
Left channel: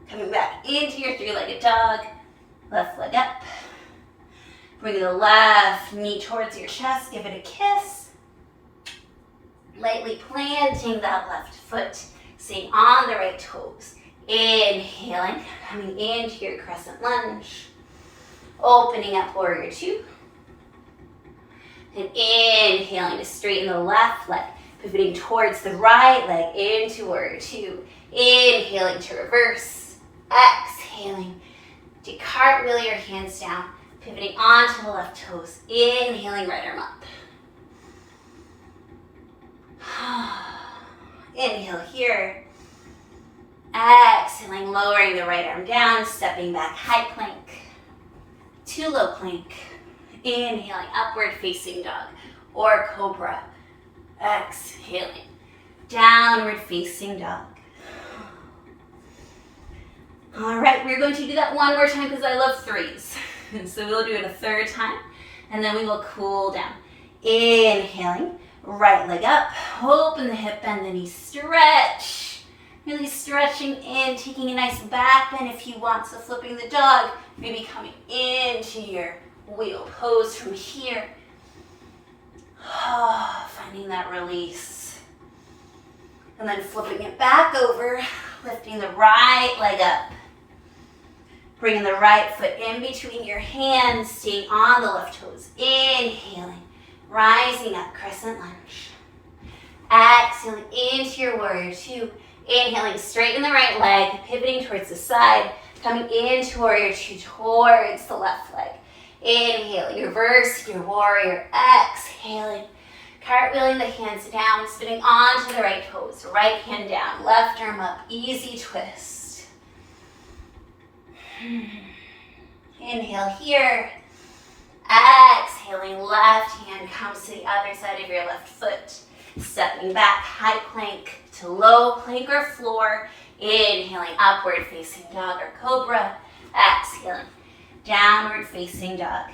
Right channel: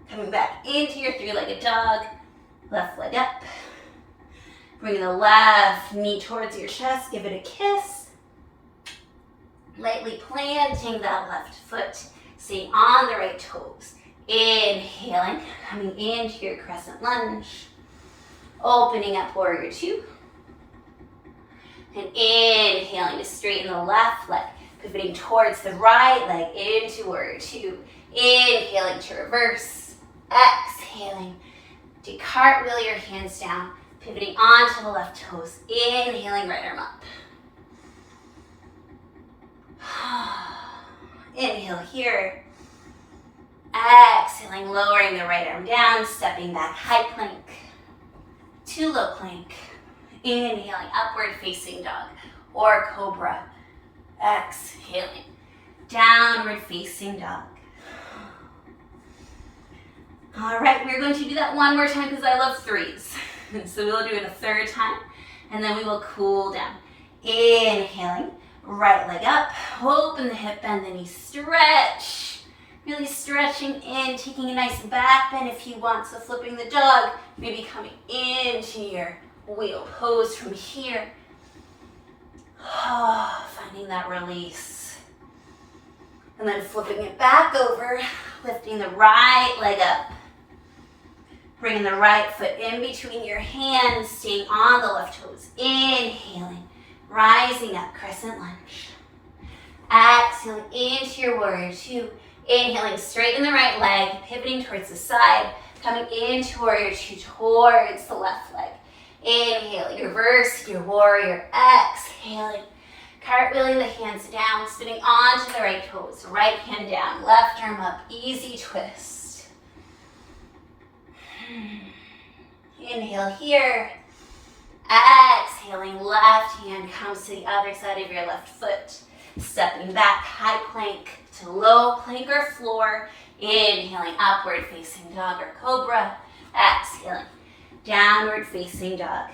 Coming back into your three-legged dog. Left leg up. Bring the left knee towards your chest. Give it a kiss. Lightly planting that left foot. Staying on the right toes. Inhaling. Coming into your crescent lunge. Opening up warrior two. And inhaling to straighten the left leg. Pivoting towards the right leg into warrior two. Inhaling to reverse. Exhaling to cartwheel your hands down, pivoting onto the left toes. Inhaling, right arm up. Inhale here. Exhaling, lowering the right arm down, stepping back, high plank to low plank. Inhaling, upward facing dog or cobra. Exhaling, downward facing dog. All right, we're going to do that one more time because I love threes. So we'll do it a third time, and then we will cool down. Inhaling, right leg up, open the hip, bend the knee, stretch. Really stretching in, taking a nice back bend if you want. So flipping the dog, maybe coming into your wheel pose from here. Finding that release. And then flipping it back over, lifting the right leg up. Bringing the right foot in between your hands, staying on the left toes. Inhaling, rising up, crescent lunge. Exhaling into your warrior two. Inhaling, straighten the right leg, pivoting towards the side, coming into warrior two towards the left leg. Inhaling, reverse your warrior. Exhaling, cartwheeling the hands down, spinning onto the right toes. Right hand down, left arm up, easy twist. Inhale here. Exhaling, left hand comes to the other side of your left foot. Stepping back, high plank to low plank or floor. Inhaling, upward facing dog or cobra. Exhaling, downward facing dog.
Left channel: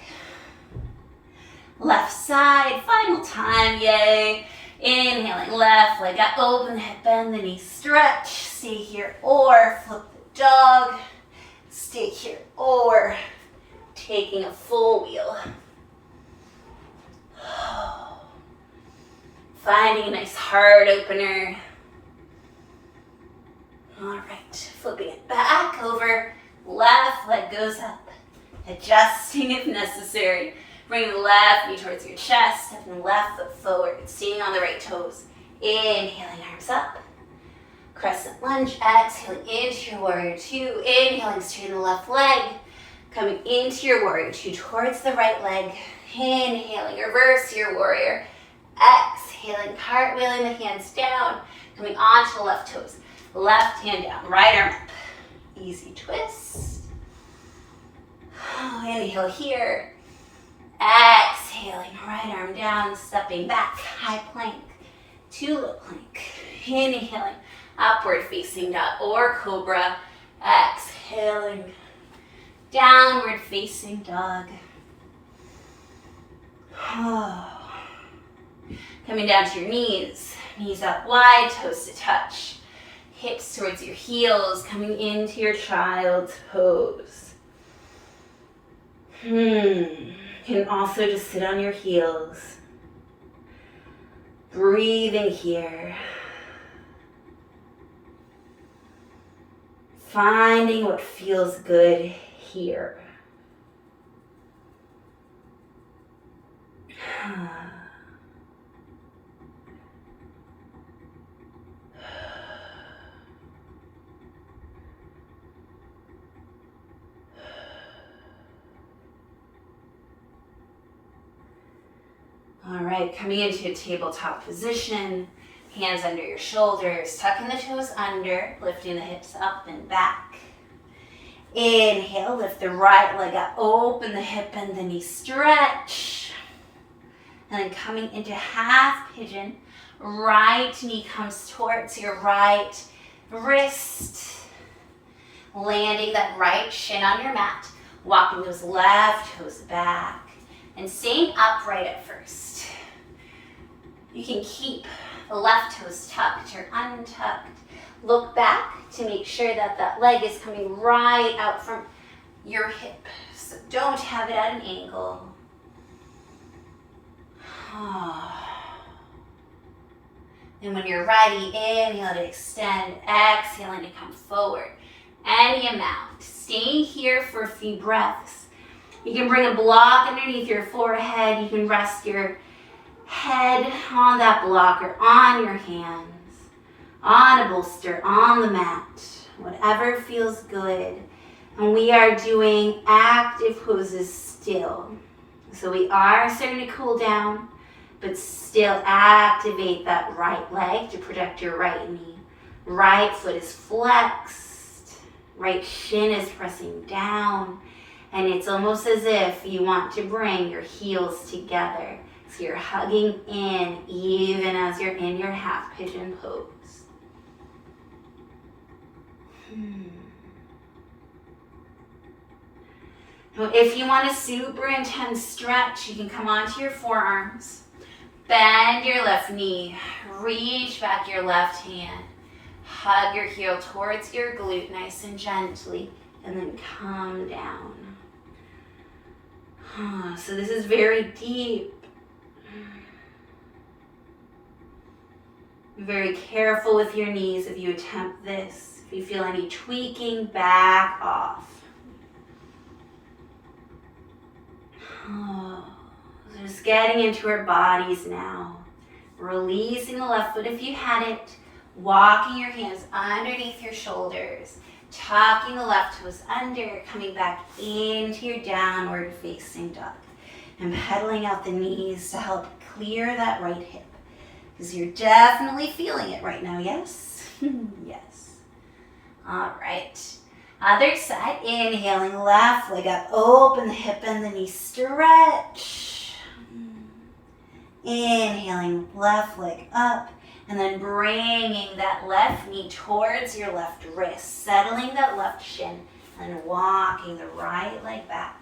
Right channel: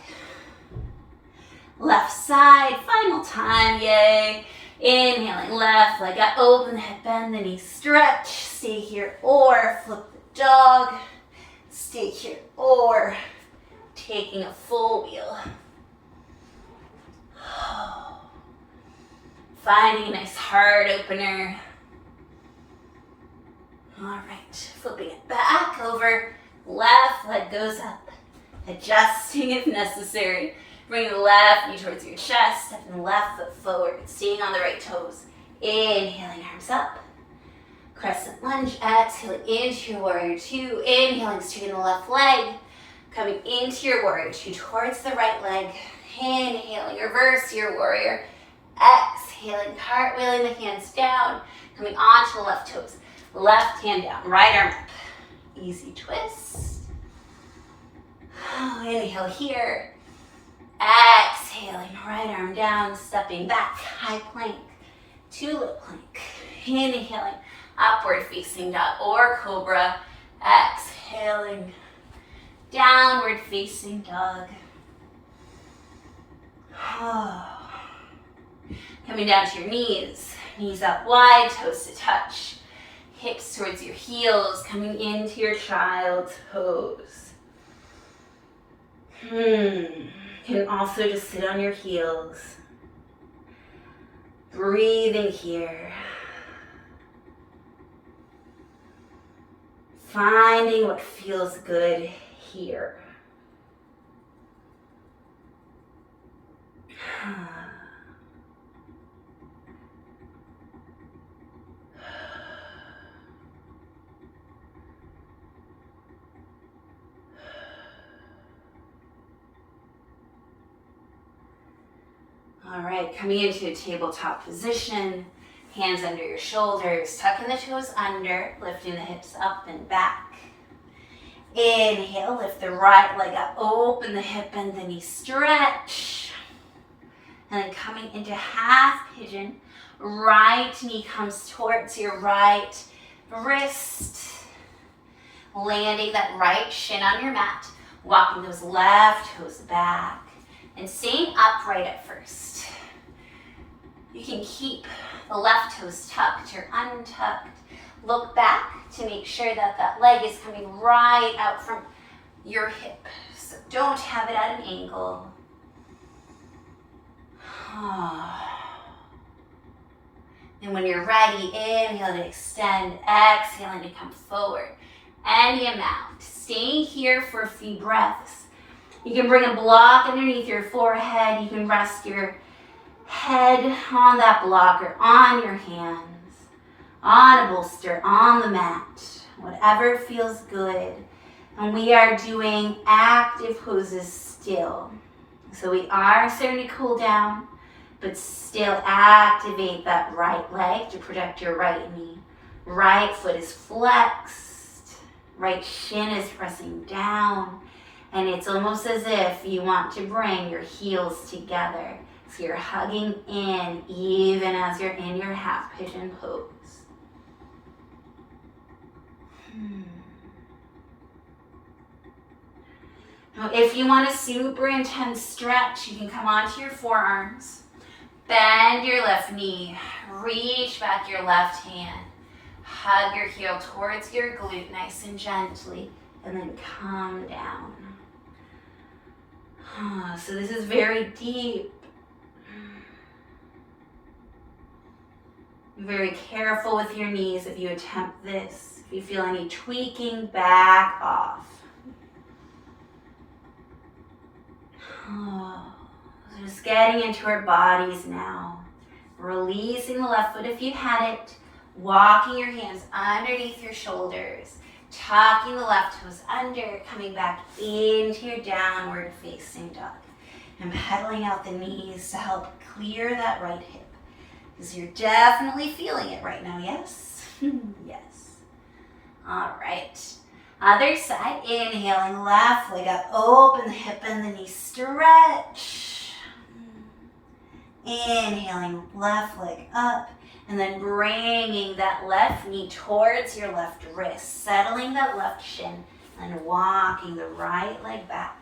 Left side, final time, yay. Inhaling, left leg up, open the hip, bend the knee, stretch. Stay here or flip the dog. Stay here or taking a full wheel. Finding a nice heart opener. All right, flipping it back over. Left leg goes up. Adjusting if necessary. Bring the left knee towards your chest. Stepping the left foot forward. Staying on the right toes. Inhaling, arms up. Crescent lunge, exhaling into your warrior two. Inhaling, straighten the left leg. Coming into your warrior two towards the right leg. Inhaling, reverse your warrior. Exhaling, cartwheeling the hands down. Coming onto the left toes. Left hand down, right arm up. Easy twist. Inhale here. Exhaling, right arm down, stepping back, high plank to low plank. Inhaling. Upward facing dog or cobra. Exhaling. Downward facing dog. Coming down to your knees. Knees up wide, toes to touch. Hips towards your heels, coming into your child's pose. You can also just sit on your heels. Breathing here. Finding what feels good here. All right, coming into a tabletop position, hands under your shoulders, tucking the toes under, lifting the hips up and back. Inhale, lift the right leg up, open the hip and the knee, stretch. And then coming into half pigeon, right knee comes towards your right wrist. Landing that right shin on your mat, walking those left toes back, and staying upright at first. You can keep the left toes tucked or untucked. Look back to make sure that that leg is coming right out from your hip. So don't have it at an angle. And when you're ready, inhale to extend, exhaling to come forward. Any amount. Staying here for a few breaths. You can bring a block underneath your forehead. You can rest your head on that block or on your hands, on a bolster, on the mat, whatever feels good. And we are doing active poses still. So we are starting to cool down, but still activate that right leg to protect your right knee. Right foot is flexed, right shin is pressing down, and it's almost as if you want to bring your heels together. So you're hugging in even as you're in your half pigeon pose. Now, if you want a super intense stretch, you can come onto your forearms, bend your left knee, reach back your left hand, hug your heel towards your glute nice and gently, and then come down. So this is very deep. Be very careful with your knees if you attempt this. If you feel any tweaking, back off. Just getting into our bodies now. Releasing the left foot if you had it. Walking your hands underneath your shoulders. Tucking the left toes under. Coming back into your downward facing dog. And pedaling out the knees to help clear that right hip. Because you're definitely feeling it right now, yes? Yes. All right. Other side, inhaling, left leg up, open the hip and the knee, stretch. Inhaling, left leg up, and then bringing that left knee towards your left wrist, settling that left shin, and walking the right leg back.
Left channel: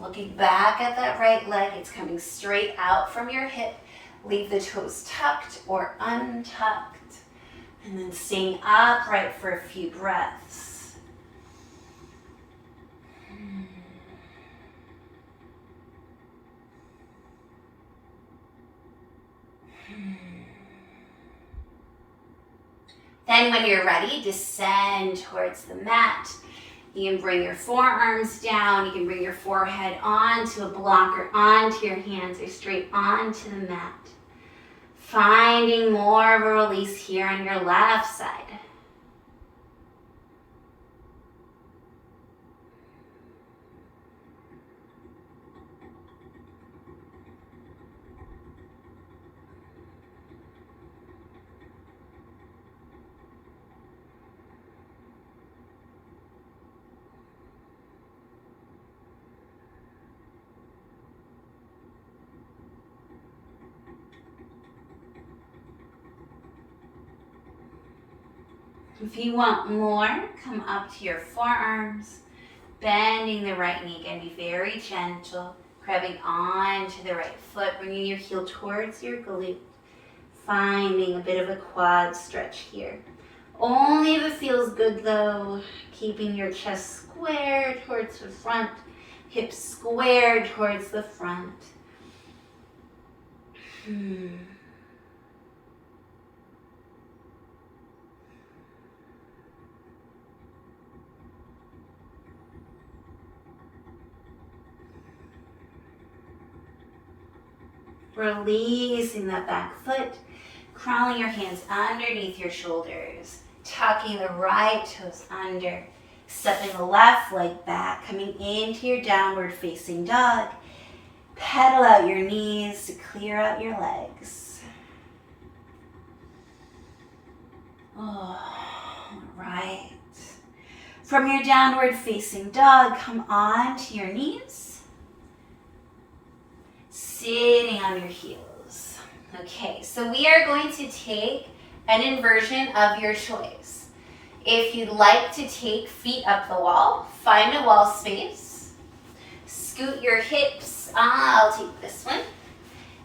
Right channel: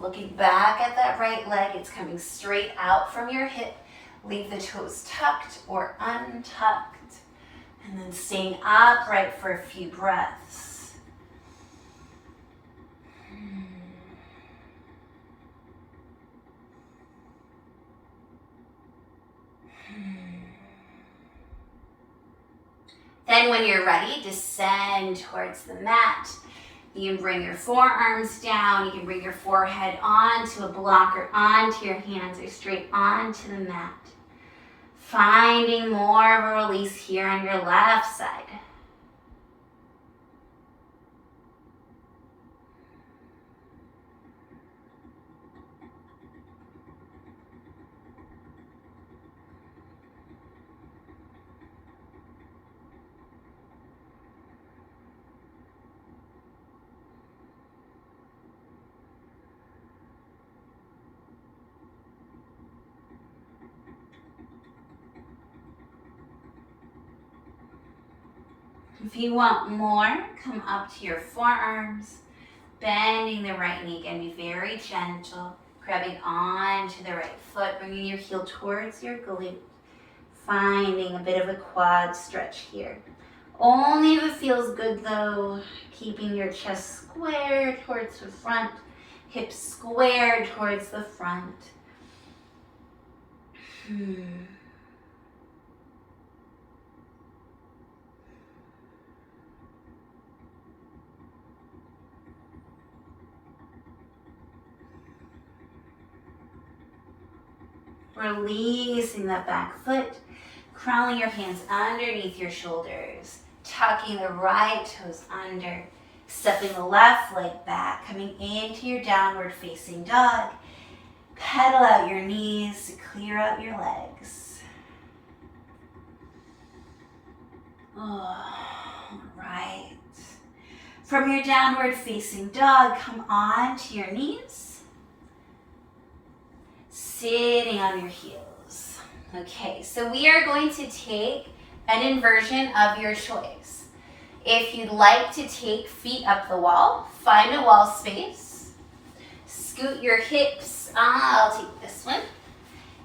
Looking back at that right leg, it's coming straight out from your hip. Leave the toes tucked or untucked, and then staying upright for a few breaths. Then when you're ready, descend towards the mat. You can bring your forearms down. You can bring your forehead onto a block or onto your hands or straight onto the mat. Finding more of a release here on your left side. If you want more, come up to your forearms, bending the right knee. Again, be very gentle, grabbing onto the right foot, bringing your heel towards your glute, Finding a bit of a quad stretch here. Only if it feels good though. Keeping your chest squared towards the front, hips squared towards the front. Releasing that back foot, crawling your hands underneath your shoulders, tucking the right toes under, stepping the left leg back, coming into your downward facing dog. Pedal out your knees to clear out your legs. All right. From your downward facing dog, come onto your knees. Sitting on your heels. Okay, so we are going to take an inversion of your choice. If you'd like to take feet up the wall, find a wall space. Scoot your hips, I'll take this one.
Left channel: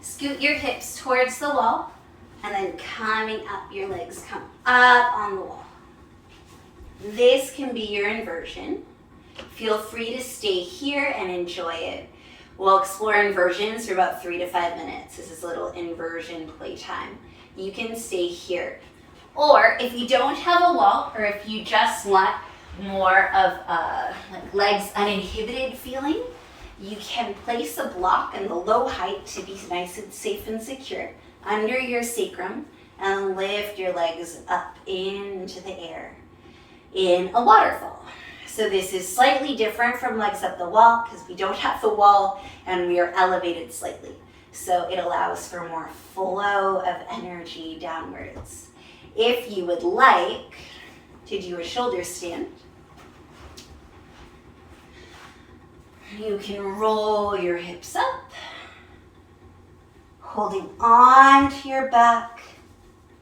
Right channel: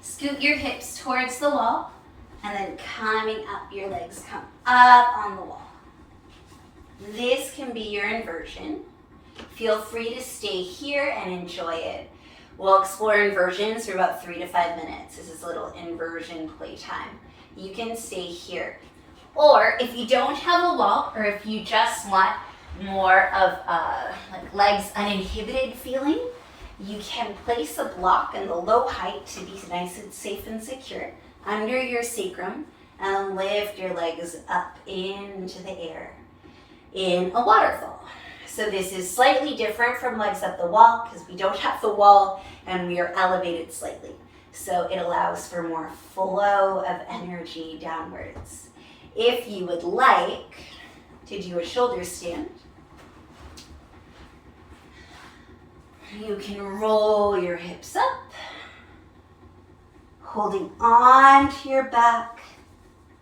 Scoot your hips towards the wall, and then coming up, your legs come up on the wall. This can be your inversion. Feel free to stay here and enjoy it. We'll explore inversions for about 3 to 5 minutes. This is a little inversion playtime. You can stay here. Or if you don't have a wall, or if you just want more of like legs uninhibited feeling, you can place a block in the low height to be nice and safe and secure under your sacrum, and lift your legs up into the air in a waterfall. So this is slightly different from legs up the wall because we don't have the wall and we are elevated slightly. So it allows for more flow of energy downwards. If you would like to do a shoulder stand, you can roll your hips up, holding on to your back.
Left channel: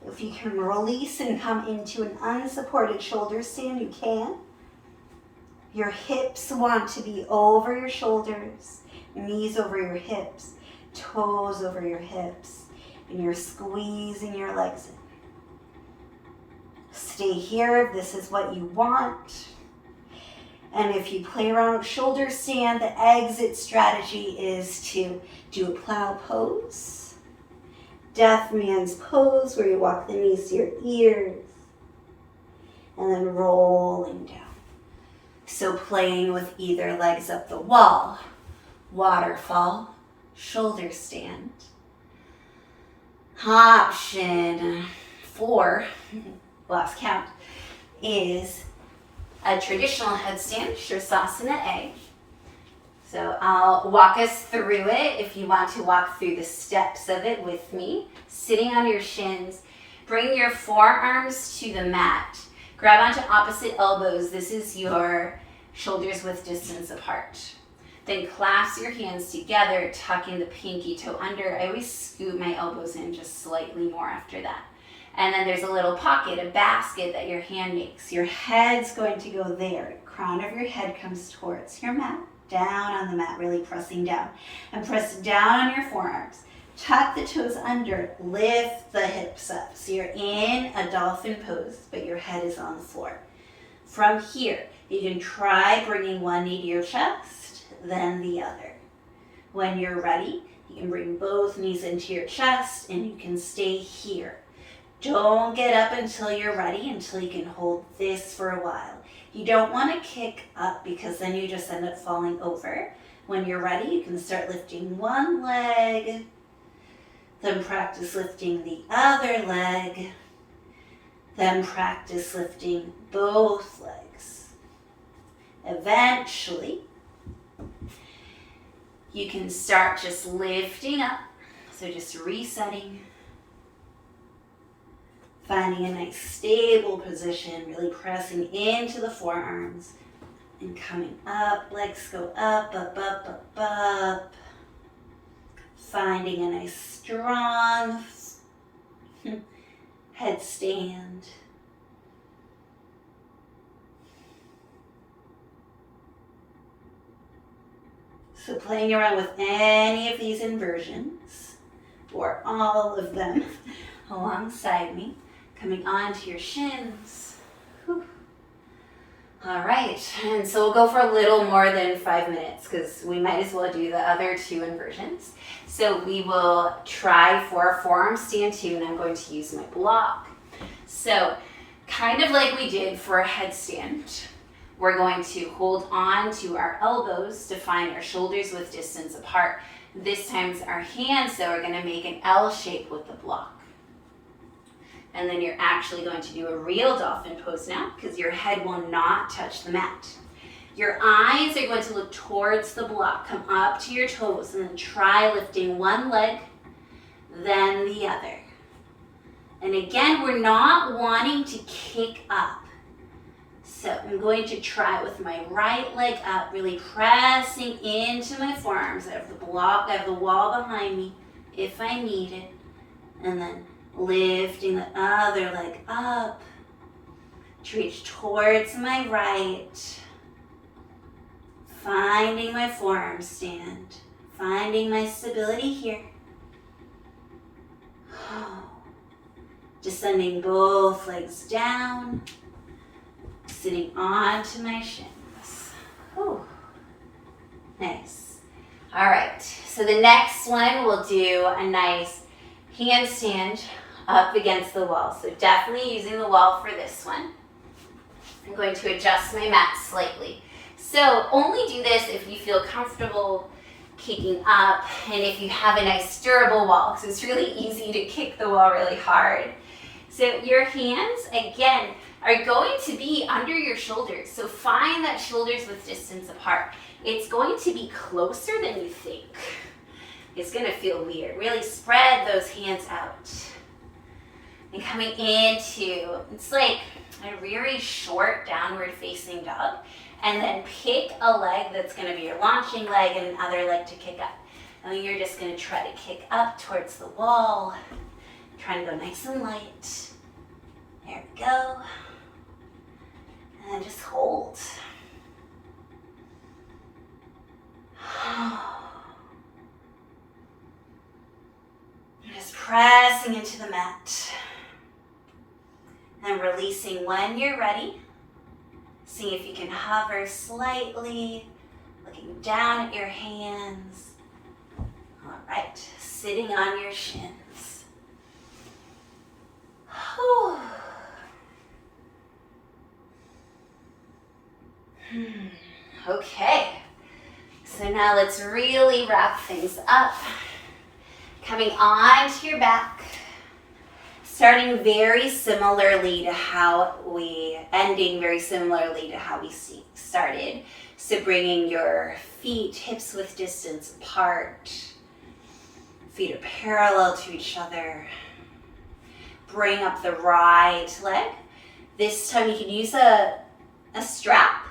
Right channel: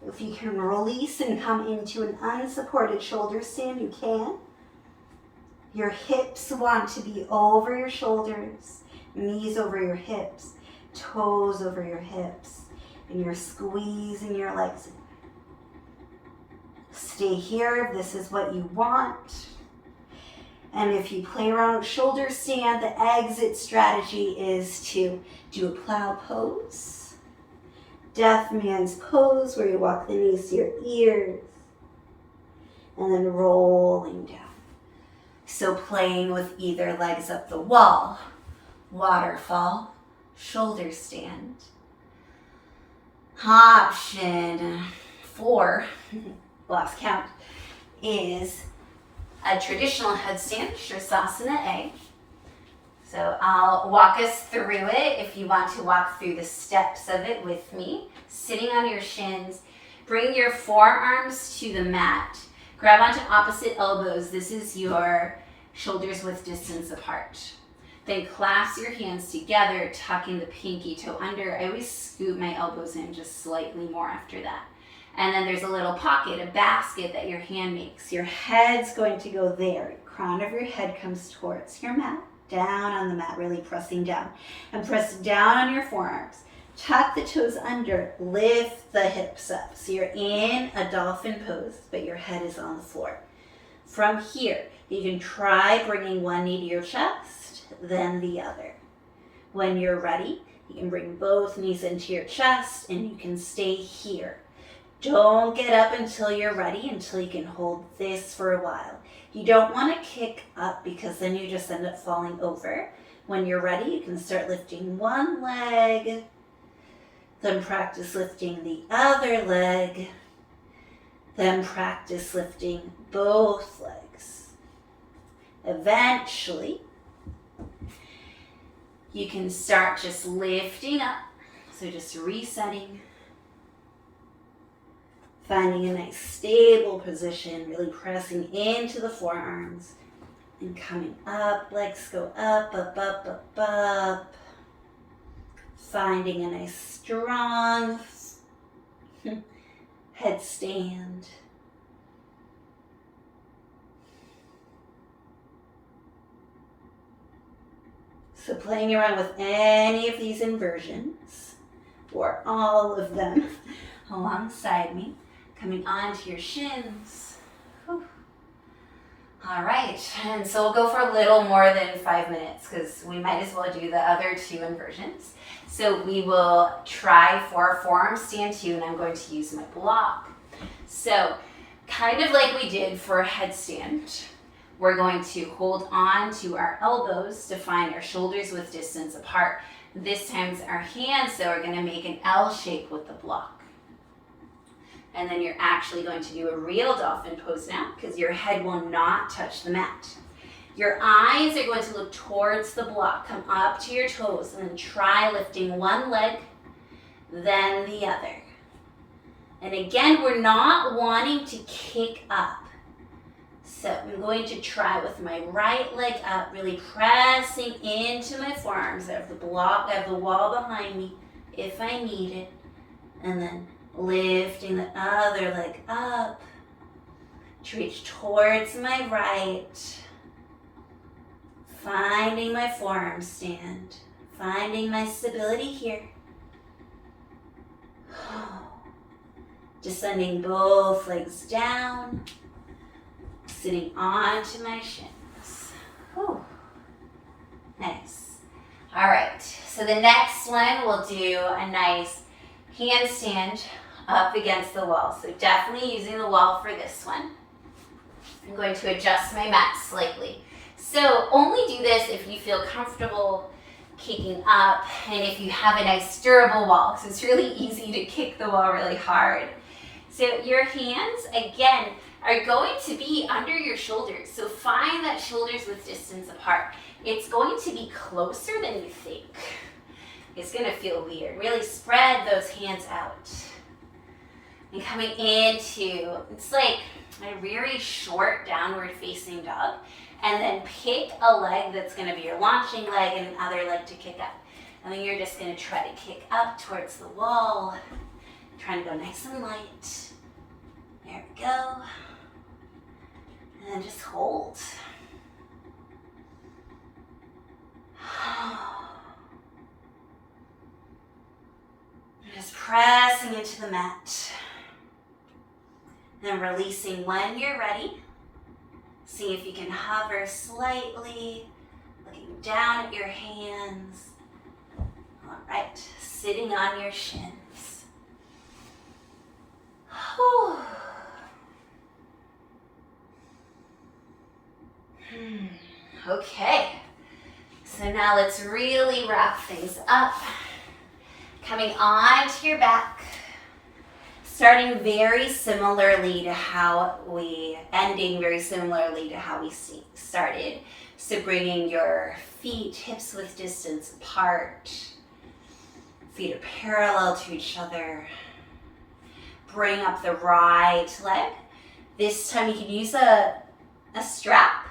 If you can release and come into an unsupported shoulder stand, you can. Your hips want to be over your shoulders, knees over your hips, toes over your hips, and you're squeezing your legs in. Stay here if this is what you want. And if you play around with shoulder stand, the exit strategy is to do a plow pose, deaf man's pose, where you walk the knees to your ears, and then rolling down. So playing with either legs up the wall, waterfall, shoulder stand. Option 4, lost count, is a traditional headstand, Shirsasana A. So I'll walk us through it if you want to walk through the steps of it with me. Sitting on your shins, bring your forearms to the mat. Grab onto opposite elbows. This is your shoulders width distance apart. Then clasp your hands together, tucking the pinky toe under. I always scoot my elbows in just slightly more after that. And then there's a little pocket, a basket that your hand makes. Your head's going to go there. Crown of your head comes towards your mat, down on the mat, really pressing down. And press down on your forearms. Tuck the toes under, lift the hips up. So you're in a dolphin pose, but your head is on the floor. From here, you can try bringing one knee to your chest, then the other. When you're ready, you can bring both knees into your chest and you can stay here. Don't get up until you're ready, until you can hold this for a while. You don't want to kick up because then you just end up falling over. When you're ready, you can start lifting one leg, then practice lifting the other leg, then practice lifting both legs. Eventually, you can start just lifting up. So just resetting, finding a nice stable position, really pressing into the forearms and coming up. Legs go up, up, up, up, up. Finding a nice strong headstand. So playing around with any of these inversions, or all of them, alongside me, coming onto your shins. Whew. All right, and so we'll go for a little more than 5 minutes because we might as well do the other 2 inversions. So we will try for forearm stand 2, and I'm going to use my block. So kind of like we did for a headstand, we're going to hold on to our elbows to find our shoulders width distance apart. This time our hands, though, are going to make an L shape with the block. And then you're actually going to do a real dolphin pose now because your head will not touch the mat. Your eyes are going to look towards the block. Come up to your toes and then try lifting one leg, then the other. And again, we're not wanting to kick up. So I'm going to try with my right leg up, really pressing into my forearms. I have the block, I have the wall behind me if I need it. And then lifting the other leg up to reach towards my right. Finding my forearm stand. Finding my stability here. Descending both legs down. Sitting onto my shins. Whew. Nice. All right, so the next one we'll do a nice handstand up against the wall. So definitely using the wall for this one. I'm going to adjust my mat slightly. So only do this if you feel comfortable kicking up and if you have a nice durable wall, because it's really easy to kick the wall really hard. So your hands, again, are going to be under your shoulders. So find that shoulders width distance apart. It's going to be closer than you think. It's going to feel weird. Really spread those hands out. And coming into, it's like a very short downward facing dog. And then pick a leg that's going to be your launching leg and another leg to kick up. And then you're just going to try to kick up towards the wall. Trying to go nice and light. There we go. And then just hold. Just pressing into the mat. And releasing when you're ready. See if you can hover slightly, looking down at your hands. All right, sitting on your shins. Whew. Okay, so now let's really wrap things up. Coming onto your back, starting very similarly to how we, ending very similarly to how we started. So bringing your feet hips width distance apart, feet are parallel to each other. Bring up the right leg. This time you can use a strap,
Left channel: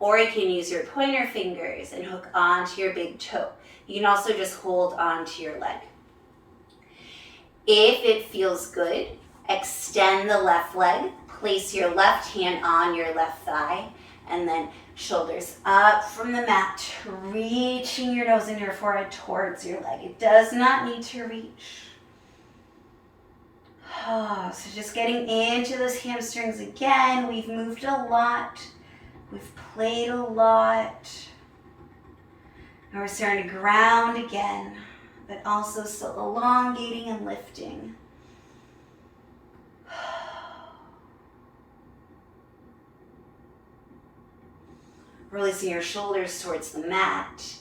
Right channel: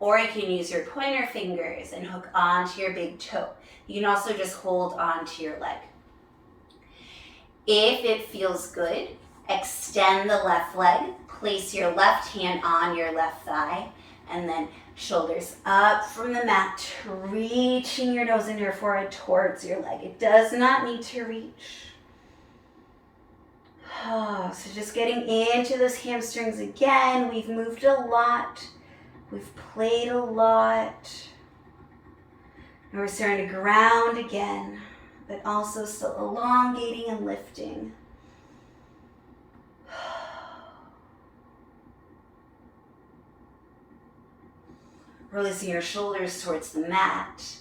or you can use your pointer fingers and hook onto your big toe. You can also just hold onto your leg. If it feels good, extend the left leg, place your left hand on your left thigh, and then shoulders up from the mat, reaching your nose and your forehead towards your leg. It does not need to reach. Oh, so just getting into those hamstrings again. We've moved a lot. We've played a lot. And we're starting to ground again, but also still elongating and lifting. Releasing your shoulders towards the mat.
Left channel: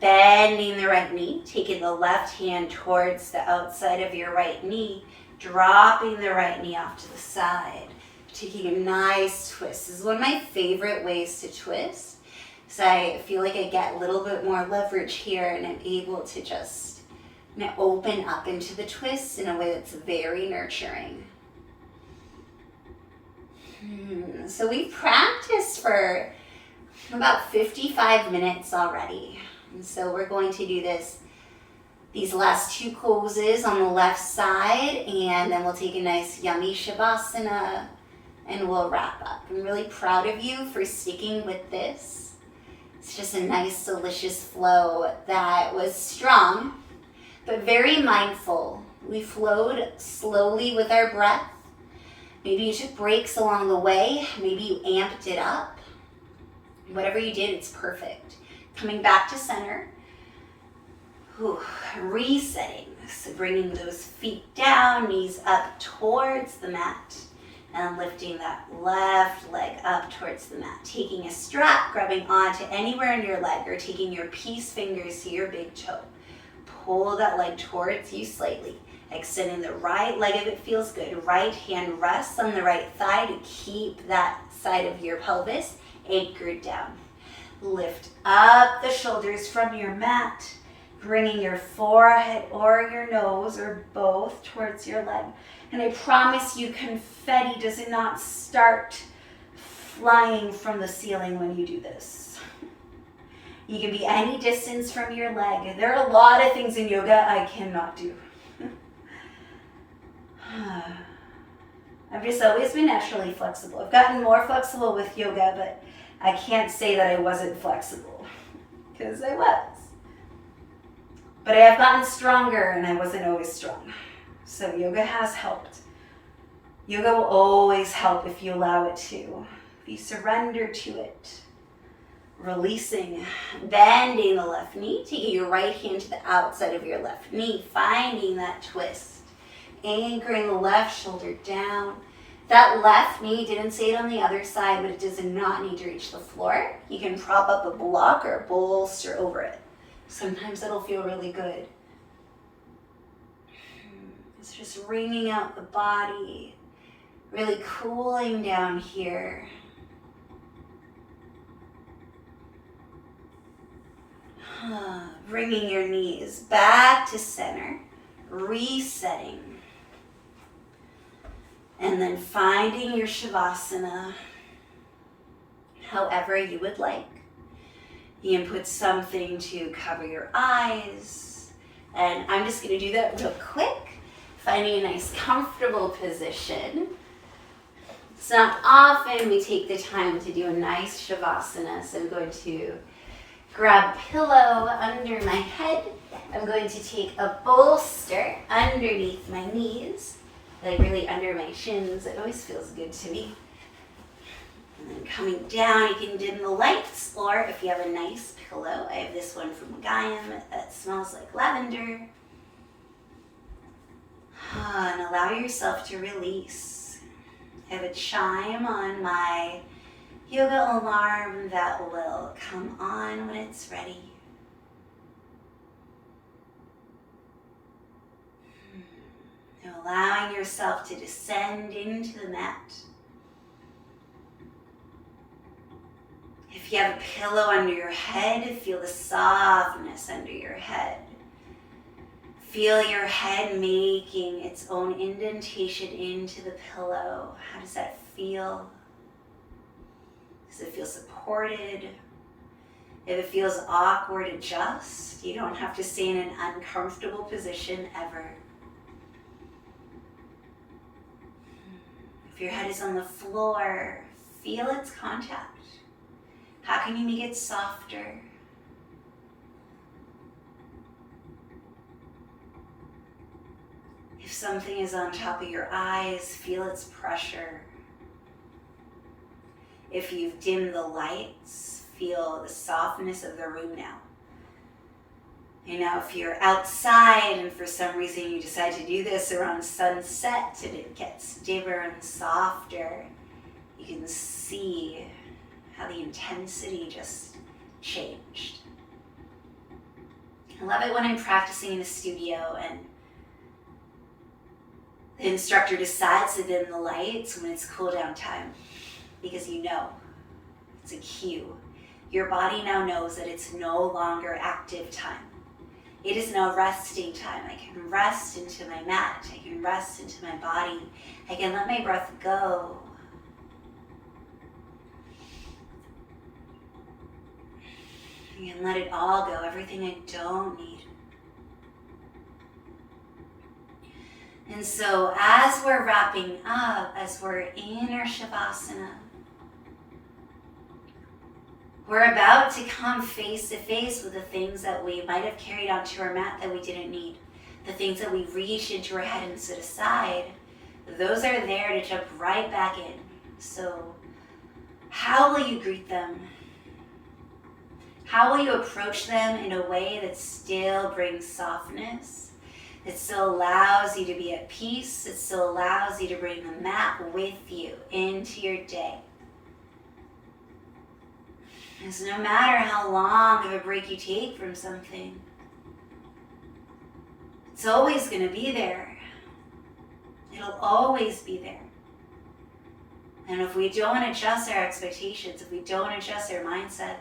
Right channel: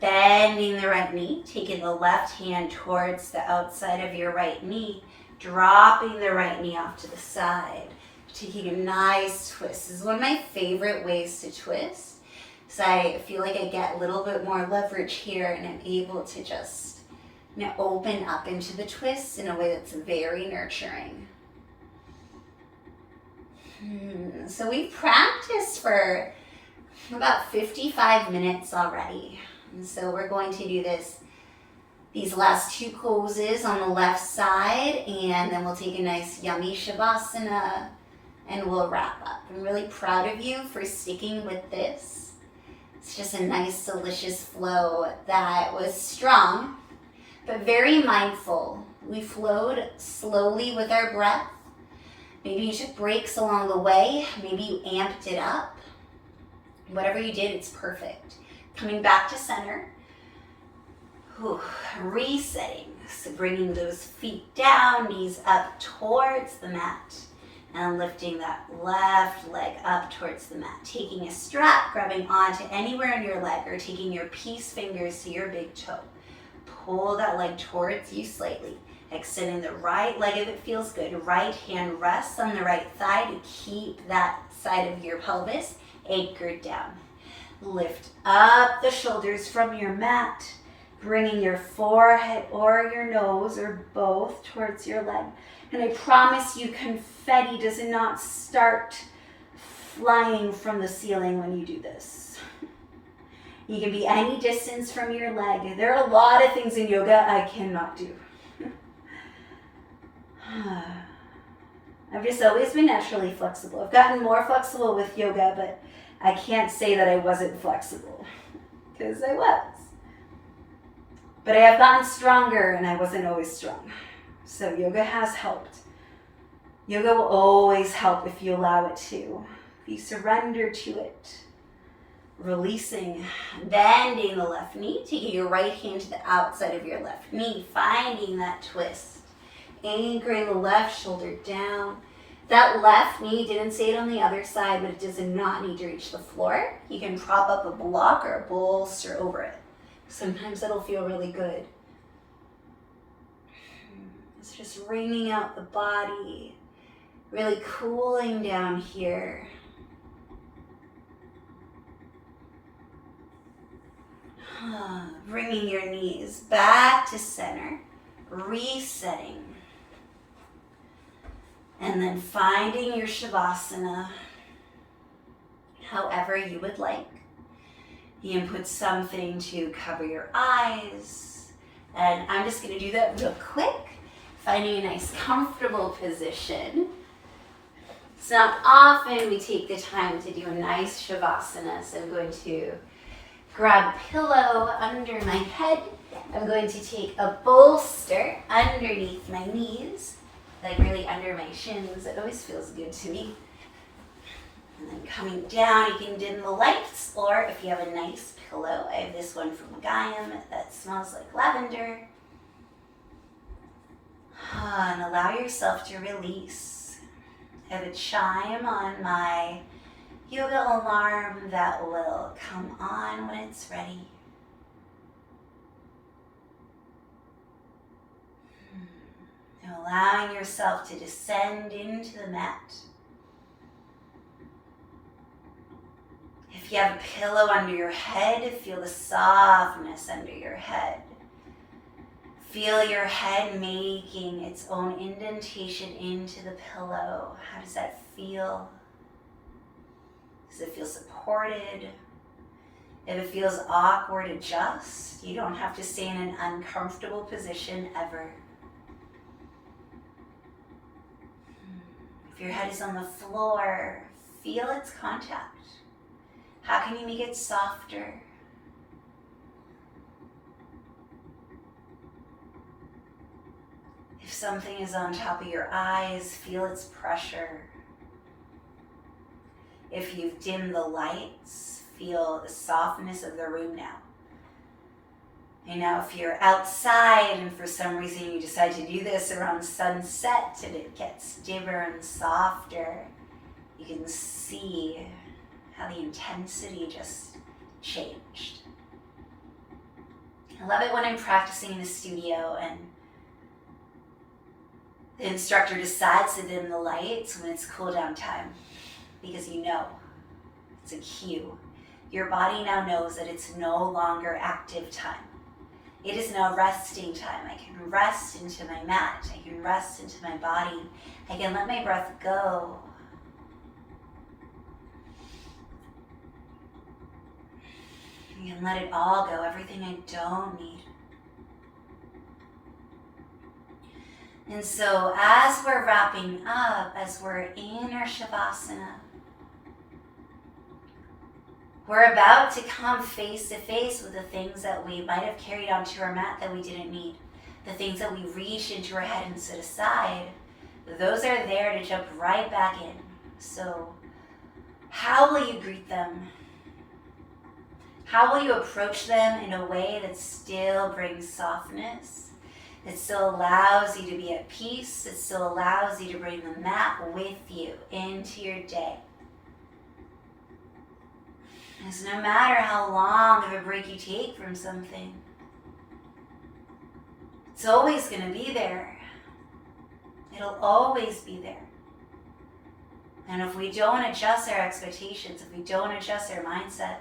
Bending the right knee, taking the left hand towards the outside of your right knee, dropping the right knee off to the side, taking a nice twist. This is one of my favorite ways to twist, because I feel like I get a little bit more leverage here and I'm able to just open up into the twist in a way that's very nurturing. So we've practiced for about 55 minutes already. And so we're going to do these last two poses on the left side, and then we'll take a nice yummy shavasana and we'll wrap up. I'm really proud of you for sticking with this. It's just a nice, delicious flow that was strong, but very mindful. We flowed slowly with our breath. Maybe you took breaks along the way. Maybe you amped it up. Whatever you did, it's perfect. Coming back to center. Whew. Resetting. So bringing those feet down, knees up towards the mat. And lifting that left leg up towards the mat. Taking a strap, grabbing onto anywhere in your leg, or taking your peace fingers to your big toe. Pull that leg towards you slightly. Extending the right leg if it feels good. Right hand rests on the right thigh to keep that side of your pelvis anchored down. Lift up the shoulders from your mat, bringing your forehead or your nose or both towards your leg. And I promise you, confetti does not start flying from the ceiling when you do this. You can be any distance from your leg. There are a lot of things in yoga I cannot do. I've just always been naturally flexible. I've gotten more flexible with yoga, but I can't say that I wasn't flexible, because I was. But I have gotten stronger, and I wasn't always strong. So yoga has helped. Yoga will always help if you allow it to. If you surrender to it. Releasing, bending the left knee, taking your right hand to the outside of your left knee, finding that twist. Anchoring the left shoulder down. That left knee, didn't say it on the other side, but it does not need to reach the floor. You can prop up a block or a bolster over it. Sometimes that'll feel really good. It's just wringing out the body, really cooling down here. Bringing your knees back to center, resetting. And then finding your Shavasana however you would like. You can put something to cover your eyes. And I'm just going to do that real quick. Finding a nice comfortable position. It's not often we take the time to do a nice Shavasana. So I'm going to grab a pillow under my head. I'm going to take a bolster underneath my knees. Like really under my shins. It always feels good to me. And then coming down, you can dim the lights, or if you have a nice pillow, I have this one from Gaiam that smells like lavender. And allow yourself to release. I have a chime on my yoga alarm that will come on when it's ready. Allowing yourself to descend into the mat. If you have a pillow under your head, feel the softness under your head. Feel your head making its own indentation into the pillow. How does that feel? Does it feel supported? If it feels awkward, adjust. You don't have to stay in an uncomfortable position ever. If your head is on the floor, feel its contact. How can you make it softer? If something is on top of your eyes, feel its pressure. If you've dimmed the lights, feel the softness of the room now. And now if you're outside and for some reason you decide to do this around sunset and it gets dimmer and softer, you can see how the intensity just changed. I love it when I'm practicing in the studio and the instructor decides to dim the lights when it's cool down time, because you know it's a cue. Your body now knows that it's no longer active time. It is now resting time. I can rest into my mat. I can rest into my body. I can let my breath go. I can let it all go, everything I don't need. And so as we're wrapping up, as we're in our Shavasana, we're about to come face to face with the things that we might have carried onto our mat that we didn't need. The things that we reach into our head and set aside, those are there to jump right back in. So how will you greet them? How will you approach them in a way that still brings softness, that still allows you to be at peace, that still allows you to bring the mat with you into your day? Because no matter how long of a break you take from something, it's always going to be there. It'll always be there. And if we don't adjust our expectations, if we don't adjust our mindset,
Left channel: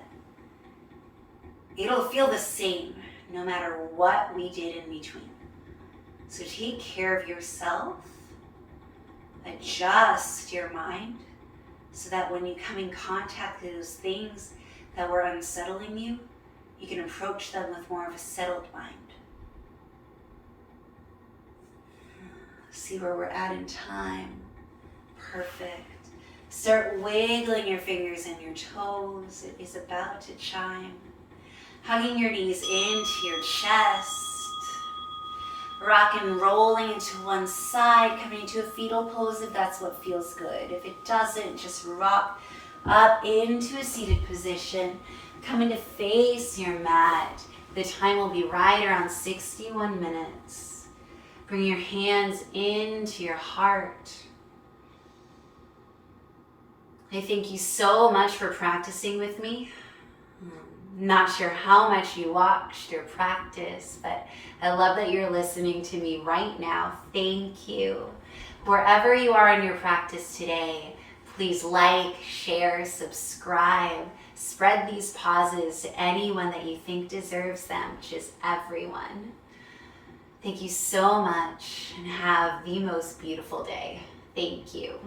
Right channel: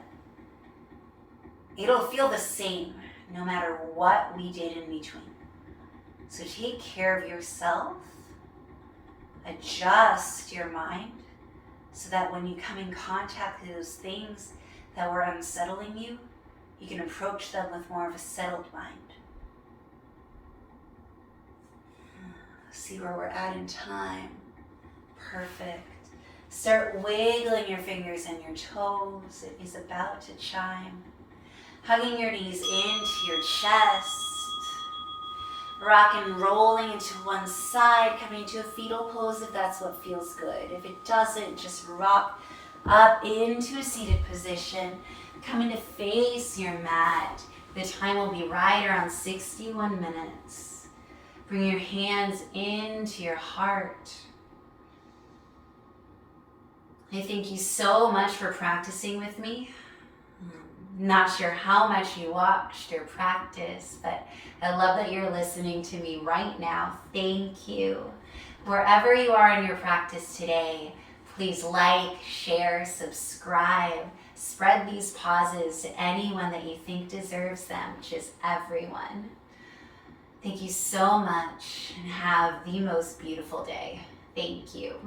it'll feel the same no matter what we did in between. So take care of yourself, adjust your mind, so that when you come in contact with those things that were unsettling you, you can approach them with more of a settled mind. See where we're at in time. Perfect. Start wiggling your fingers and your toes. It is about to chime. Hugging your knees into your chest. Rock and rolling into one side, coming into a fetal pose if that's what feels good. If it doesn't, just rock up into a seated position. Coming to face your mat. The time will be right around 61 minutes. Bring your hands into your heart. I thank you so much for practicing with me. Not sure how much you watched or practiced, but I love that you're listening to me right now. Thank you. Wherever you are in your practice today, please like, share, subscribe. Spread these pauses to anyone that you think deserves them, which is everyone. Thank you so much and have the most beautiful day. Thank you.